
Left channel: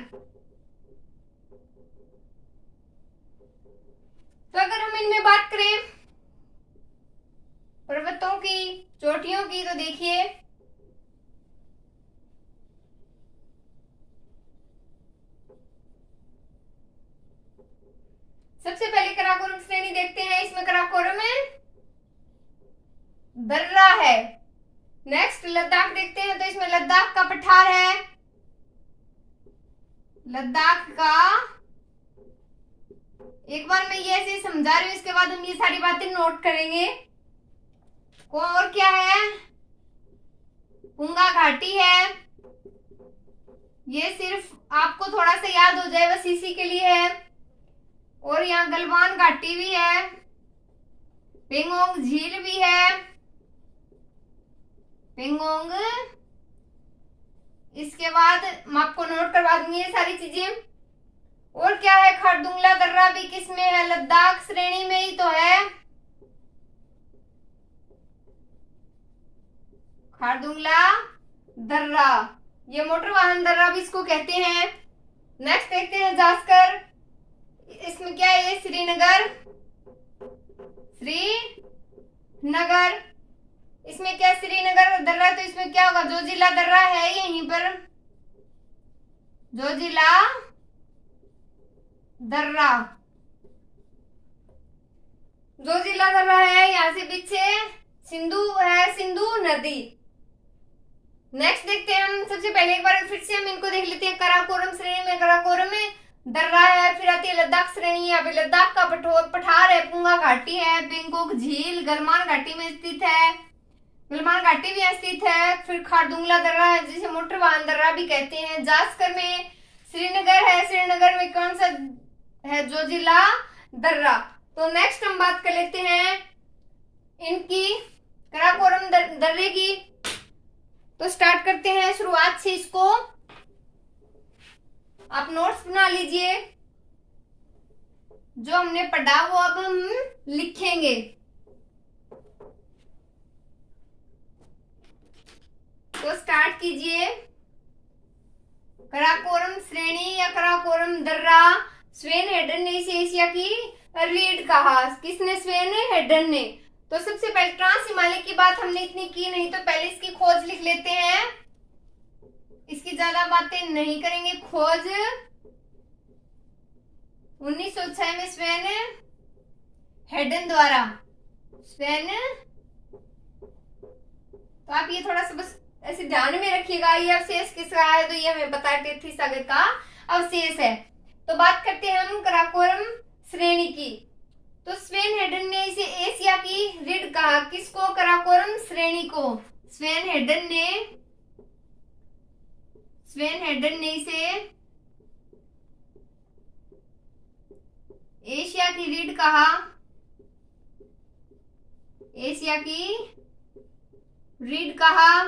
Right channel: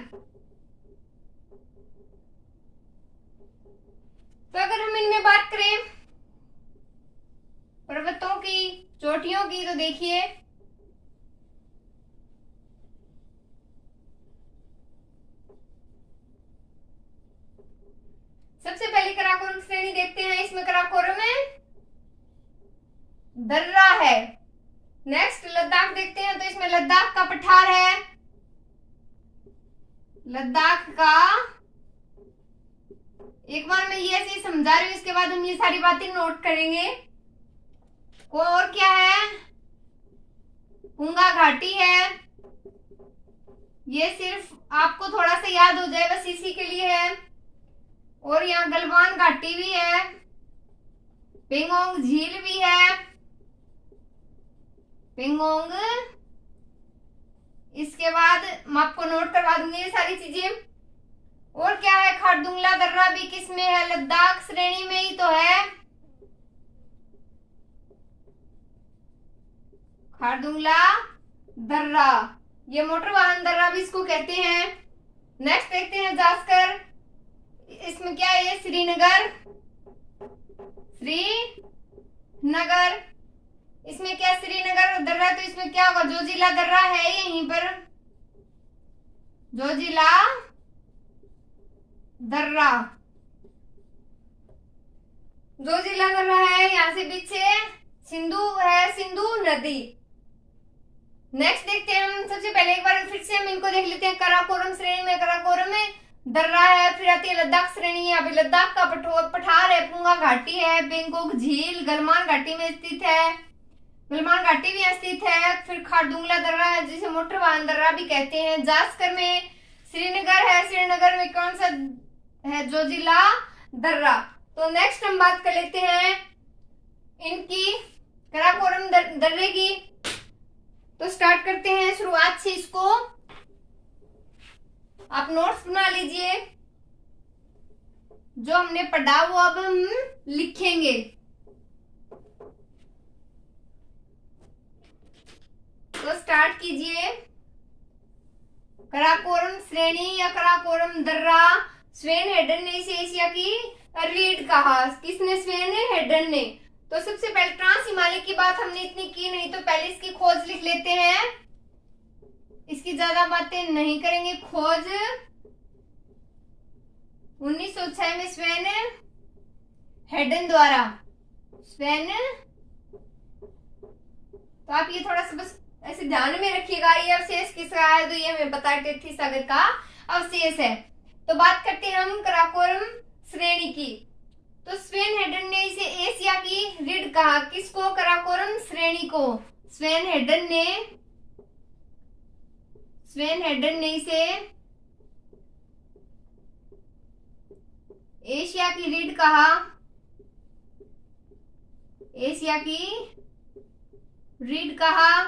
तो अगर हम इनमें बात करें पर्वतों की, चोटियों की, तो देखिए सबसे पहले कराकोरम श्रेणी देखते हैं। इसमें कराकोरम है, दर्रा है। नेक्स्ट लद्दाख देखते हैं, तो इसमें लद्दाख का पठार है, लद्दाख का। एक बार मैं ये ऐसे समझा रही हूँ, इसके बाद हम ये सारी बातें नोट करेंगे। और क्या है? पुंगा घाटी है। ये सिर्फ आपको थोड़ा सा याद हो जाए बस इसी के लिए है। और यहाँ गलवान घाटी भी है, पेंगोंग झील भी है, पेंगोंग। इसके बाद मैं आपको नोट करवा दूंगी ये सारी चीजें। और क्या है? खारदुंगला दर्रा भी किसमें है? लद्दाख श्रेणी में ही तो है, खारदुंगला दर्रा। ये मोटर वाहन दर्रा भी इसको कहते हैं। नेक्स्ट देखते हैं जास्कर। इसमें क्या है? श्रीनगर, श्रीनगर। इसमें क्या? श्रीनगर दर्रा। तो इसमें क्या होगा? जोजिला दर्रा है यहीं पर, जोजिला दर्रा। जोजिला दर्रा है, यहाँ से पीछे सिंधु है, सिंधु नदी। नेक्स्ट देखते हैं हम। सबसे पहले एक बार फिर से हम इनको देख लेते हैं। कराकोरम श्रेणी में कराकोरम में दर्रा है, फिर आती है लद्दाख श्रेणी। अभी लद्दाख का पठार है, पुंगा घाटी है, बेंगोक झील गलवान घाटी में स्थित है, गलवान घाटी भी स्थित है। फिर खारदुंगला दर्रा है जिसे मोटर वाहन दर्रा भी कहते हैं। जास्कर में श्रीनगर है, श्रीनगर में कौन सा है? जोजिला दर्रा। तो नेक्स्ट हम बात कर लेते हैं इनकी कराकोरम दर्रे की। तो स्टार्ट करते हैं शुरुआत से। इसको आप नोट्स बना लीजिए, जो हमने पढ़ा वो अब हम लिखेंगे। तो स्टार्ट कीजिए। कराकोरम श्रेणी या कराकोरम दर्रा स्वेन हेडन ने इसे एशिया की रीढ़ कहा। किसने? स्वेन हेडन ने। तो सबसे पहले ट्रांस हिमालय की बात हमने इतनी की नहीं, तो पहले इसकी खोज लिख लेते हैं। इसकी ज्यादा बातें नहीं करेंगे। खोज 1906 में स्वेन हेडन द्वारा। स्वेन, तो आप ये थोड़ा सा बस ऐसे ध्यान में रखिएगा। ये अवशेष किसका है? तो ये हमें पता है टेथी सागर का अवशेष है। तो बात करते हैं हम कराकोरम श्रेणी की। तो स्वेन हेडन ने इसे एशिया की रीढ़ कहा। किसको? कराकोरम श्रेणी को। स्वेन हेडन ने इसे एशिया की रीढ़ कहा, एशिया की रीढ़ कहा।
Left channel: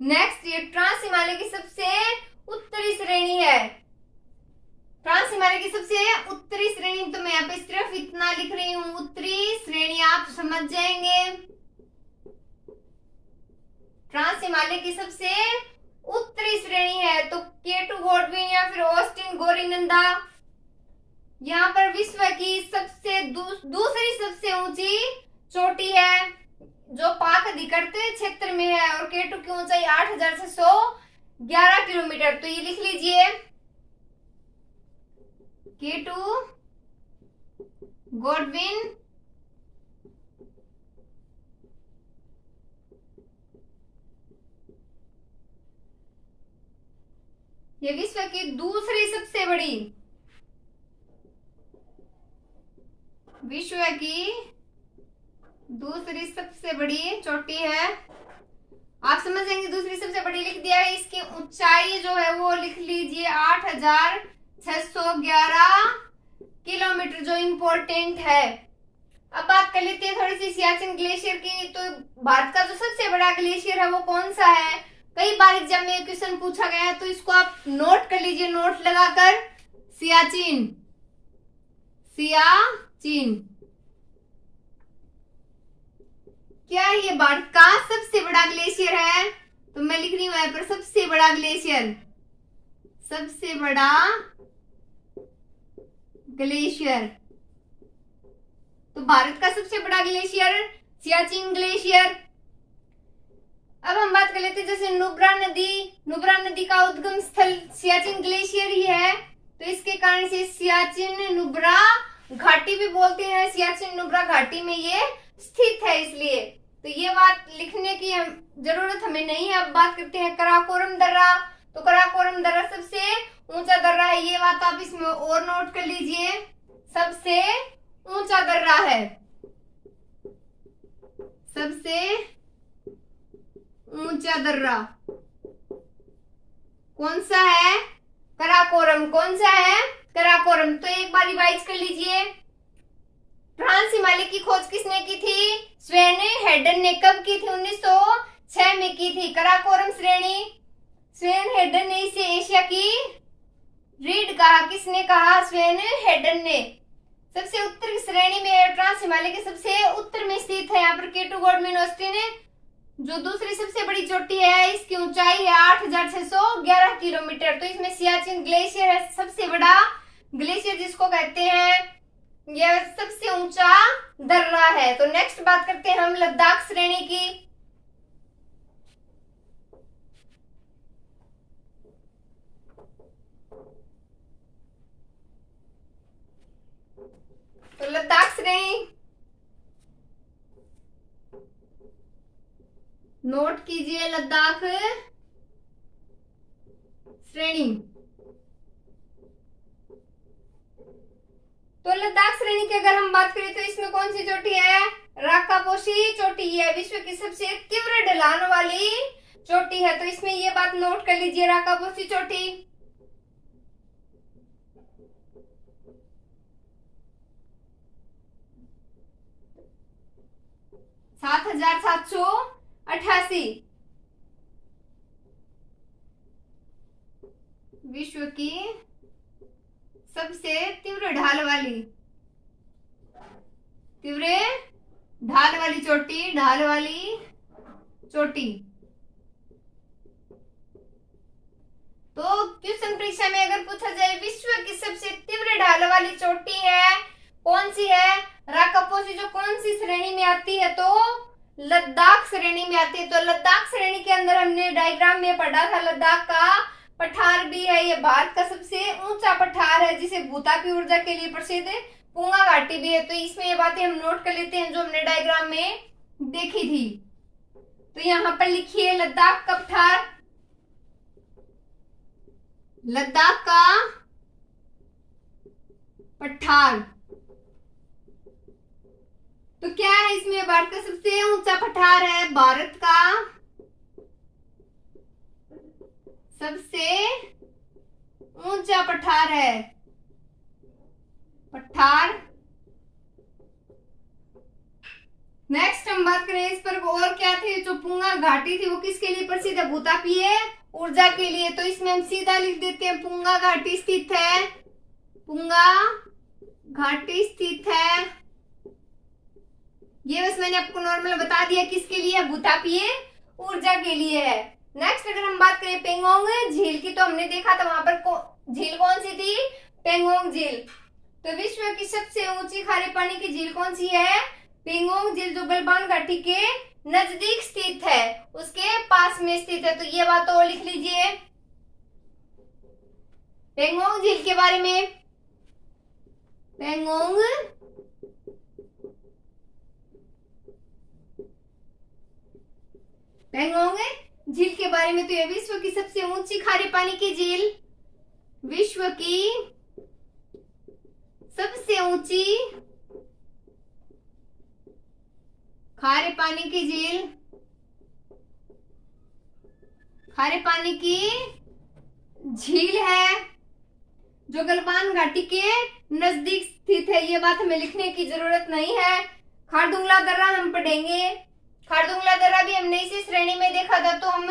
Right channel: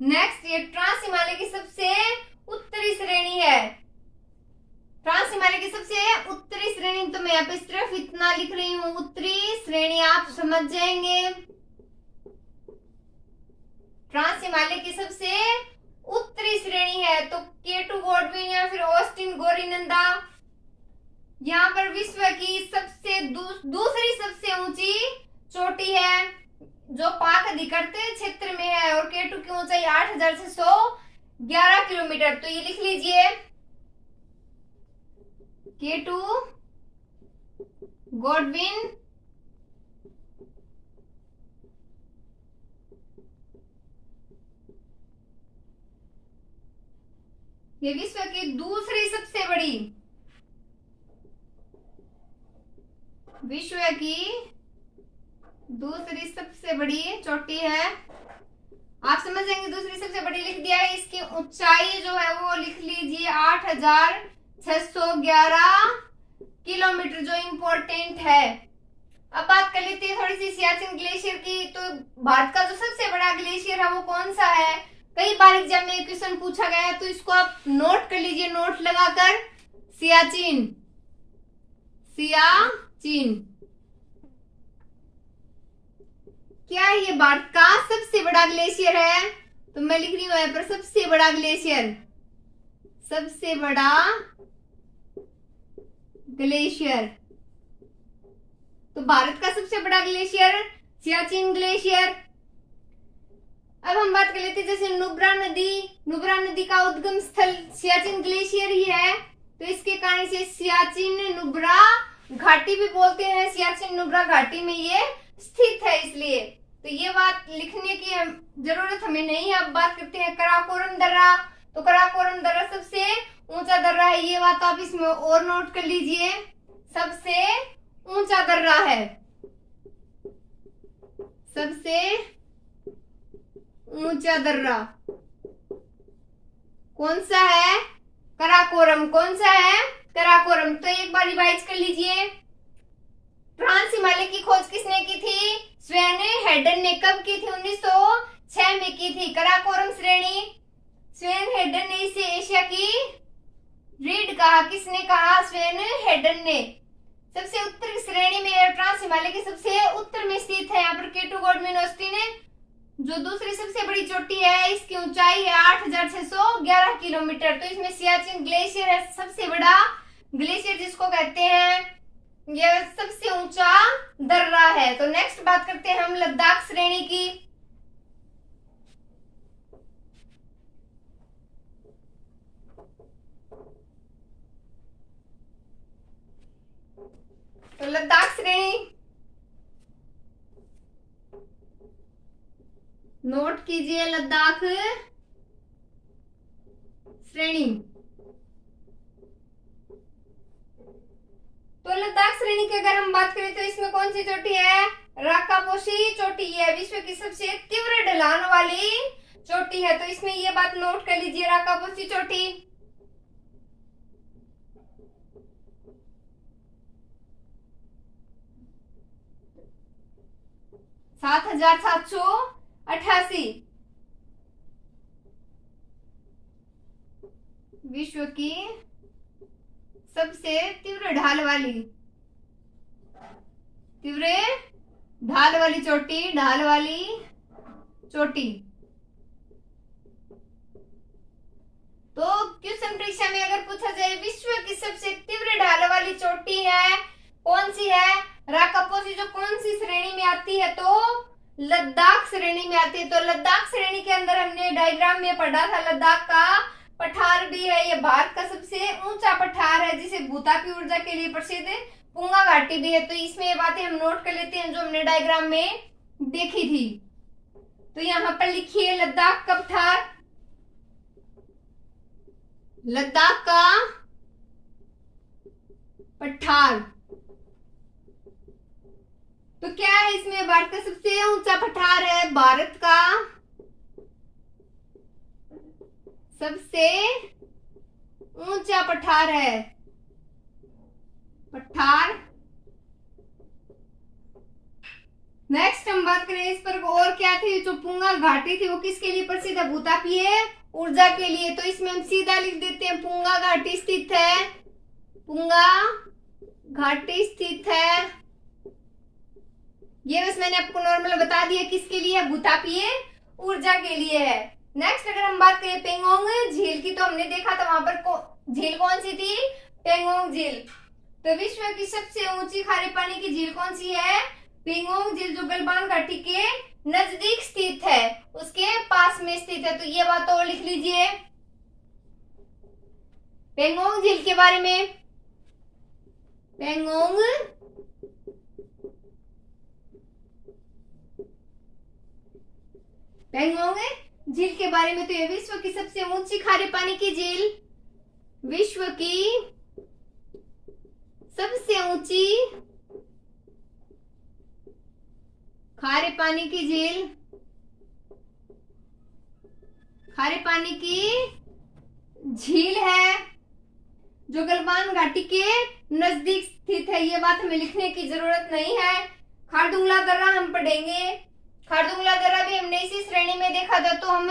नेक्स्ट, ये ट्रांस हिमालय की सबसे उत्तरी श्रेणी है। ट्रांस हिमालय की सबसे उत्तरी श्रेणी, तो मैं यहाँ पे सिर्फ इतना लिख रही हूँ, उत्तरी श्रेणी, आप समझ जाएंगे। ट्रांस हिमालय की सबसे उत्तरी श्रेणी है। तो केटू गोडविन या फिर ऑस्टिन गोरीनंदा, यहाँ पर विश्व की सबसे दूसरी सबसे ऊंची चोटी है, जो पाक अधिकृत क्षेत्र में है। और केटू की ऊंचाई 8,611 किलोमीटर। तो ये लिख लीजिए, K2 गॉडविन ये विश्व की दूसरी सबसे बड़ी चोटी है। आप समझेंगे दूसरी सबसे बड़ी लिख दिया है, इसकी ऊंचाई जो है वो लिख लीजिए 8611 किलोमीटर, जो इम्पोर्टेंट है। अब बात कर लेते हैं थोड़ी सी सियाचिन ग्लेशियर की। तो भारत का जो सबसे बड़ा ग्लेशियर है वो कौन सा है? कई बार एग्जाम में क्वेश्चन पूछा गया है, तो इसको आप नोट कर लीजिए, नोट लगाकर। सियाचिन क्या है ये भारत का सबसे बड़ा ग्लेशियर है? तो मैं लिख रही हूं यहाँ पर सबसे बड़ा ग्लेशियर, सबसे बड़ा ग्लेशियर। तो भारत का सबसे बड़ा ग्लेशियर सियाचिन ग्लेशियर। अब हम बात कर लेते हैं जैसे नुब्रा नदी का उद्गम स्थल सियाचिन ग्लेशियर ही है, तो इसके कारण से सियाचिन नुब्रा घाटी भी बोलते हैं। सियाचिन नुब्रा घाटी में ये स्थित है, इसलिए तो ये बात लिखने की जरूरत हमें नहीं है। अब बात करते हैं कराकोरम दर्रा। तो कराकोरम दर्रा सबसे ऊंचा दर्रा है, ये बात आप इसमें और नोट कर लीजिए, सबसे ऊंचा दर्रा है, सबसे ऊंचा दर्रा कौन सा है? कराकोरम। कौन सा है? कराकोरम। तो एक बार रिवाइज कर लीजिए, ट्रांस हिमालय की खोज किसने की थी? स्वेन हेडन ने। कब की थी? 1906 में की थी। कराकोरम श्रेणी स्वेन हेडन ने इसे एशिया की रीढ़ कहा। किसने कहा? स्वेन हेडन ने। सबसे उत्तर श्रेणी में ट्रांस हिमालय के सबसे उत्तर में स्थित है। यहाँ पर K2 गॉडविन ऑस्टिन जो दूसरी सबसे बड़ी चोटी है, इसकी ऊंचाई है 8611 किलोमीटर। तो इसमें सियाचिन ग्लेशियर है सबसे बड़ा ग्लेशियर, जिसको कहते हैं यह सबसे ऊंचा दर्रा है। तो नेक्स्ट बात करते हैं हम लद्दाख श्रेणी की। तो लद्दाख श्रेणी नोट कीजिए, लद्दाख श्रेणी। तो लद्दाख श्रेणी की अगर हम बात करें तो इसमें कौन सी चोटी है? राकापोशी चोटी है, विश्व की सबसे तीव्र ढलान वाली चोटी है। तो इसमें ये बात नोट कर लीजिए, राकापोशी चोटी। 7788 विश्व की सबसे तीव्र ढाल वाली चोटी, ढाल वाली चोटी। तो क्वेश्चन परीक्षा में अगर पूछा जाए विश्व की सबसे तीव्र ढाल वाली चोटी है कौन सी है? राकापोशी, जो कौन सी श्रेणी में आती है? तो लद्दाख श्रेणी में आती है। तो लद्दाख श्रेणी के अंदर हमने डायग्राम में पढ़ा था, लद्दाख का पठार भी है। ये भारत का सबसे ऊंचा पठार है, जिसे भूतापी ऊर्जा के लिए प्रसिद्ध पुंगा घाटी भी है। तो इसमें ये बातें हम नोट कर लेते हैं जो हमने डायग्राम में देखी थी। तो यहाँ पर लिखिए लद्दाख का पठार, लद्दाख का पठार। तो क्या है इसमें? भारत का सबसे ऊंचा पठार है, भारत का सबसे ऊंचा पठार है, पठार। नेक्स्ट हम बात करें इस पर और क्या थी? जो पुंगा घाटी थी वो किसके लिए प्रसिद्ध है? भूतापीय ऊर्जा के लिए। तो इसमें हम सीधा लिख देते हैं पुंगा घाटी स्थित है, पुंगा घाटी स्थित है। ये बस मैंने आपको नॉर्मल बता दिया किसके लिए? भूतापीय ऊर्जा के लिए है। नेक्स्ट अगर हम बात करें पेंगोंग झील की, तो हमने देखा था वहां पर झील कौन सी थी? पेंगोंग झील। तो विश्व की सबसे ऊंची खारे पानी की झील कौन सी है? पेंगोंग झील, जो गलवान घाटी के नजदीक स्थित है, उसके पास में स्थित है। तो ये बात और लिख लीजिए पेंगोंग झील के बारे में। पेंगोंग पेंगोंग झील के बारे में तो ये विश्व की सबसे ऊंची खारे पानी की झील, विश्व की सबसे ऊंची खारे पानी की झील, खारे पानी की झील है जो गलवान घाटी के नजदीक स्थित है। ये बात हमें लिखने की जरूरत नहीं है। खारदुंगला दर्रा हम पढ़ेंगे। खारदुंगला दर्रा भी हमने इसी श्रेणी में देखा था, तो हम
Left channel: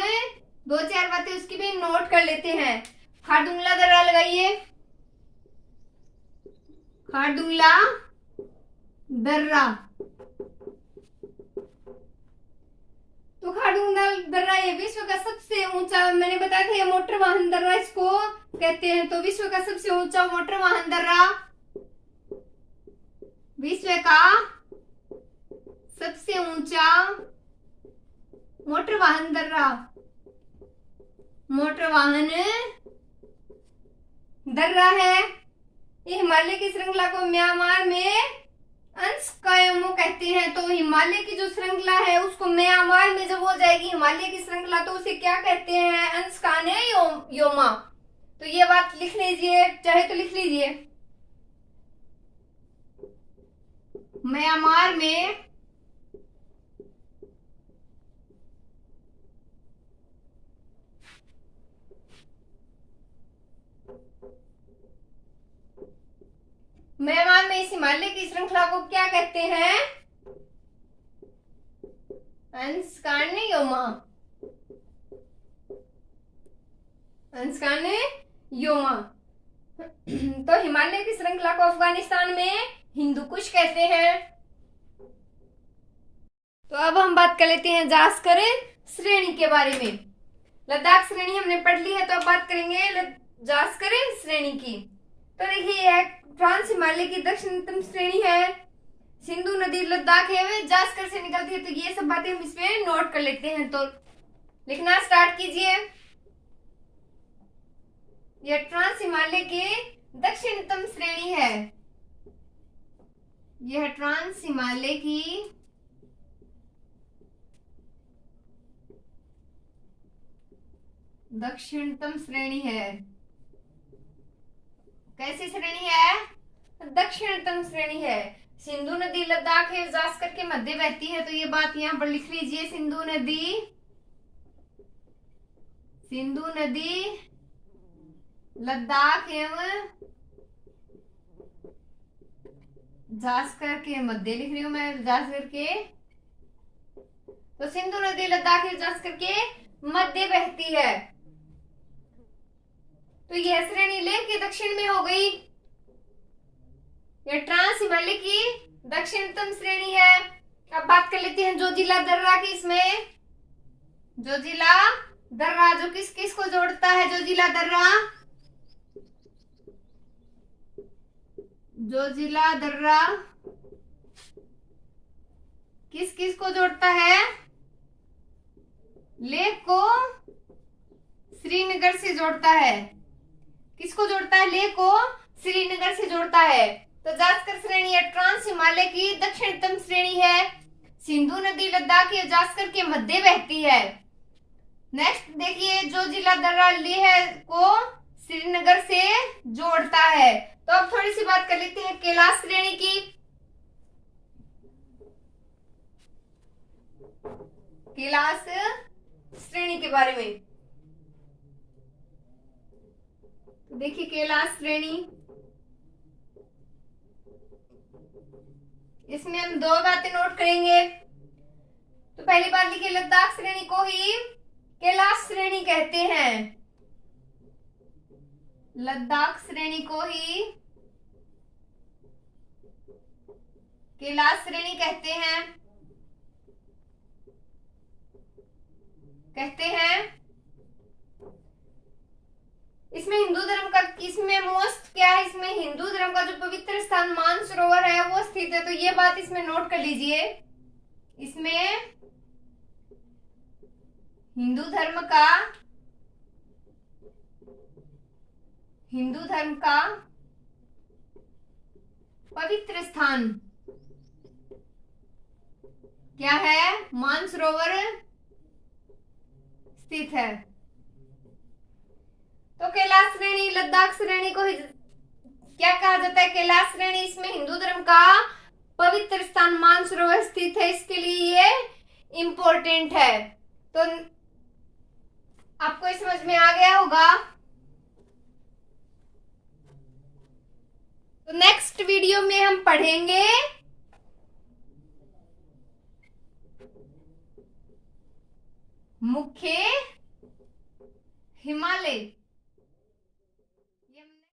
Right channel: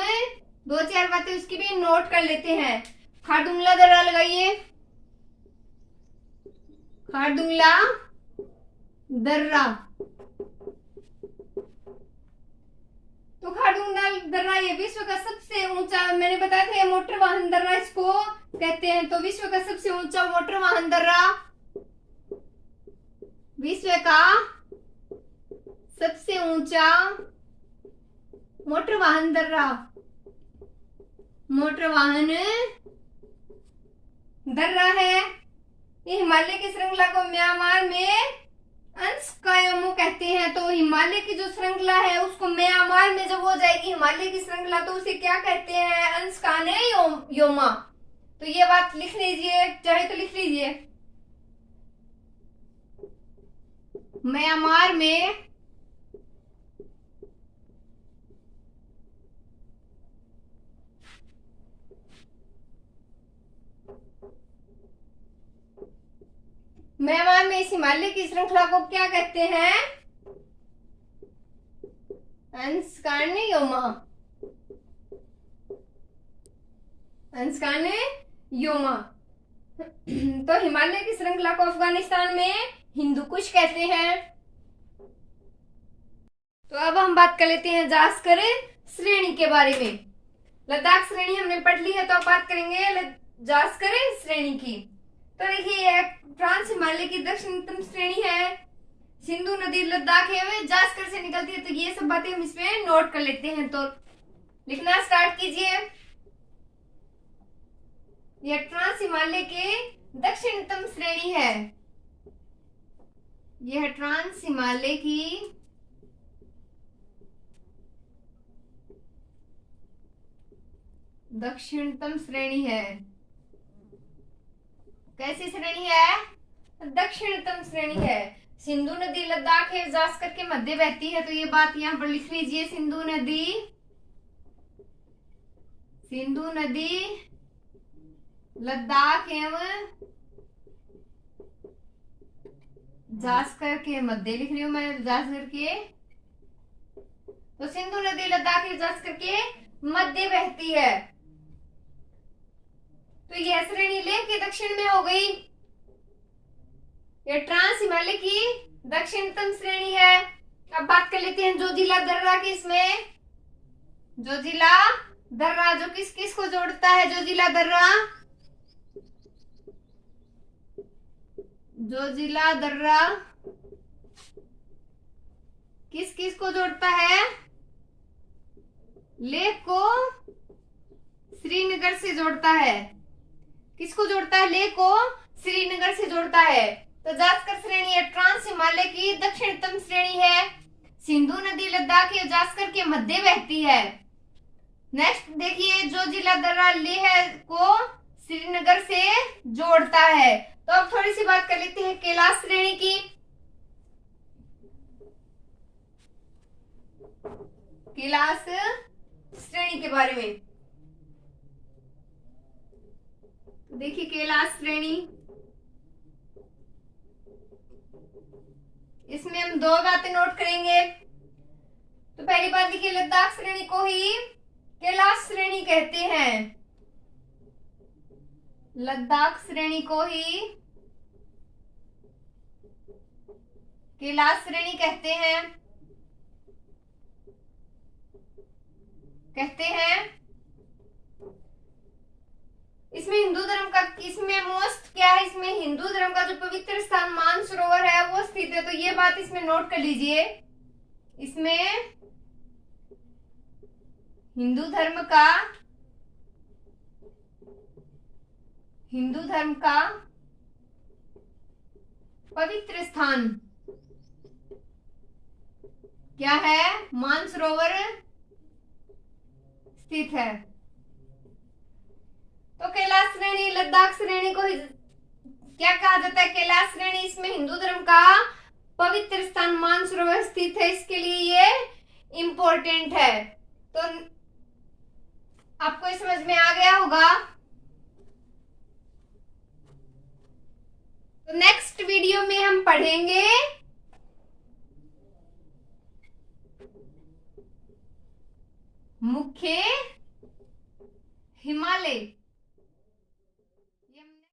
दो चार बातें उसकी भी नोट कर लेते हैं। खारदुंगला दर्रा लगाइए, खारदुंगला दर्रा। तो खारदुंगला दर्रा ये विश्व का सबसे ऊंचा, मैंने बताया था ये मोटर वाहन दर्रा इसको कहते हैं। तो विश्व का सबसे ऊंचा मोटर वाहन दर्रा, विश्व का सबसे ऊंचा मोटर वाहन दर्रा, मोटर वाहन दर्रा है। ये हिमालय की श्रृंखला को म्यांमार में अंशकायोमो कहते हैं। तो हिमालय की जो श्रृंखला है उसको म्यांमार में जब हो जाएगी हिमालय की श्रृंखला, तो उसे क्या कहते हैं? अंशकाने योमा। तो ये बात लिख लीजिए, चाहे तो लिख लीजिए। म्यांमार में म्यांमार में इस हिमालय की श्रृंखला को क्या कहते हैं? अंशकाने योमा, अंशकाने योमा। तो हिमालय की श्रृंखला को अफगानिस्तान में हिंदू कुश कहते हैं। तो अब हम बात कर लेते हैं जास्कर श्रेणी के बारे में। लद्दाख श्रेणी हमने पढ़ ली है, तो अब बात करेंगे जास्कर श्रेणी की। तो देखिए ट्रांस हिमालय की दक्षिणतम श्रेणी है, सिंधु नदी लद्दाख है वे जास्कर से निकलती है। तो ये सब बातें हम इसमें नोट कर लेते हैं। तो लिखना स्टार्ट कीजिए। यह ट्रांस हिमालय के दक्षिणतम श्रेणी है, यह ट्रांस हिमालय की दक्षिणतम श्रेणी है। कैसी श्रेणी है? दक्षिणतम श्रेणी है। सिंधु नदी लद्दाख है जास्कर के मध्य बहती है। तो ये बात यहाँ पर लिख लीजिए। सिंधु नदी, सिंधु नदी लद्दाख एवं जास्कर के मध्य लिख रही हूं मैं, जास्कर के। तो सिंधु नदी लद्दाख एवं जास्कर के मध्य बहती है। तो यह श्रेणी लेह के दक्षिण में हो गई। यह ट्रांस हिमालय की दक्षिणतम श्रेणी है। अब बात कर लेते हैं जोजिला दर्रा की। इसमें जोजिला दर्रा जो किस किस को जोड़ता है? जोजिला दर्रा, जोजिला दर्रा किस किस को जोड़ता है? लेह को श्रीनगर से जोड़ता है। किसको जोड़ता है? लेह को श्रीनगर से जोड़ता है। तो जास्कर श्रेणी है ट्रांस हिमालय की दक्षिणतम श्रेणी है। सिंधु नदी लद्दाख या जास्कर के मध्य बहती है। नेक्स्ट देखिए, जोजिला दर्रा लेह को श्रीनगर से जोड़ता है। तो अब थोड़ी सी बात कर लेते हैं कैलाश श्रेणी की। कैलाश श्रेणी के बारे में देखिए, कैलाश श्रेणी, इसमें हम दो बातें नोट करेंगे। तो पहली बात देखिए, लद्दाख श्रेणी को ही कैलाश श्रेणी कहते हैं। लद्दाख श्रेणी को ही कैलाश श्रेणी कहते हैं, इसमें हिंदू धर्म का, इसमें मोस्ट क्या है? इसमें हिंदू धर्म का जो पवित्र स्थान मानसरोवर है वो स्थित है। तो ये बात इसमें नोट कर लीजिए। इसमें हिंदू धर्म का पवित्र स्थान क्या है? मानसरोवर स्थित है। तो कैलाश श्रेणी, लद्दाख श्रेणी को क्या कहा जाता है? कैलाश श्रेणी। इसमें हिंदू धर्म का पवित्र स्थान मानसरोवर स्थित है, इसके लिए ये इंपॉर्टेंट है। तो आपको ये समझ में आ गया होगा। तो नेक्स्ट वीडियो में हम पढ़ेंगे मुख्य हिमालय।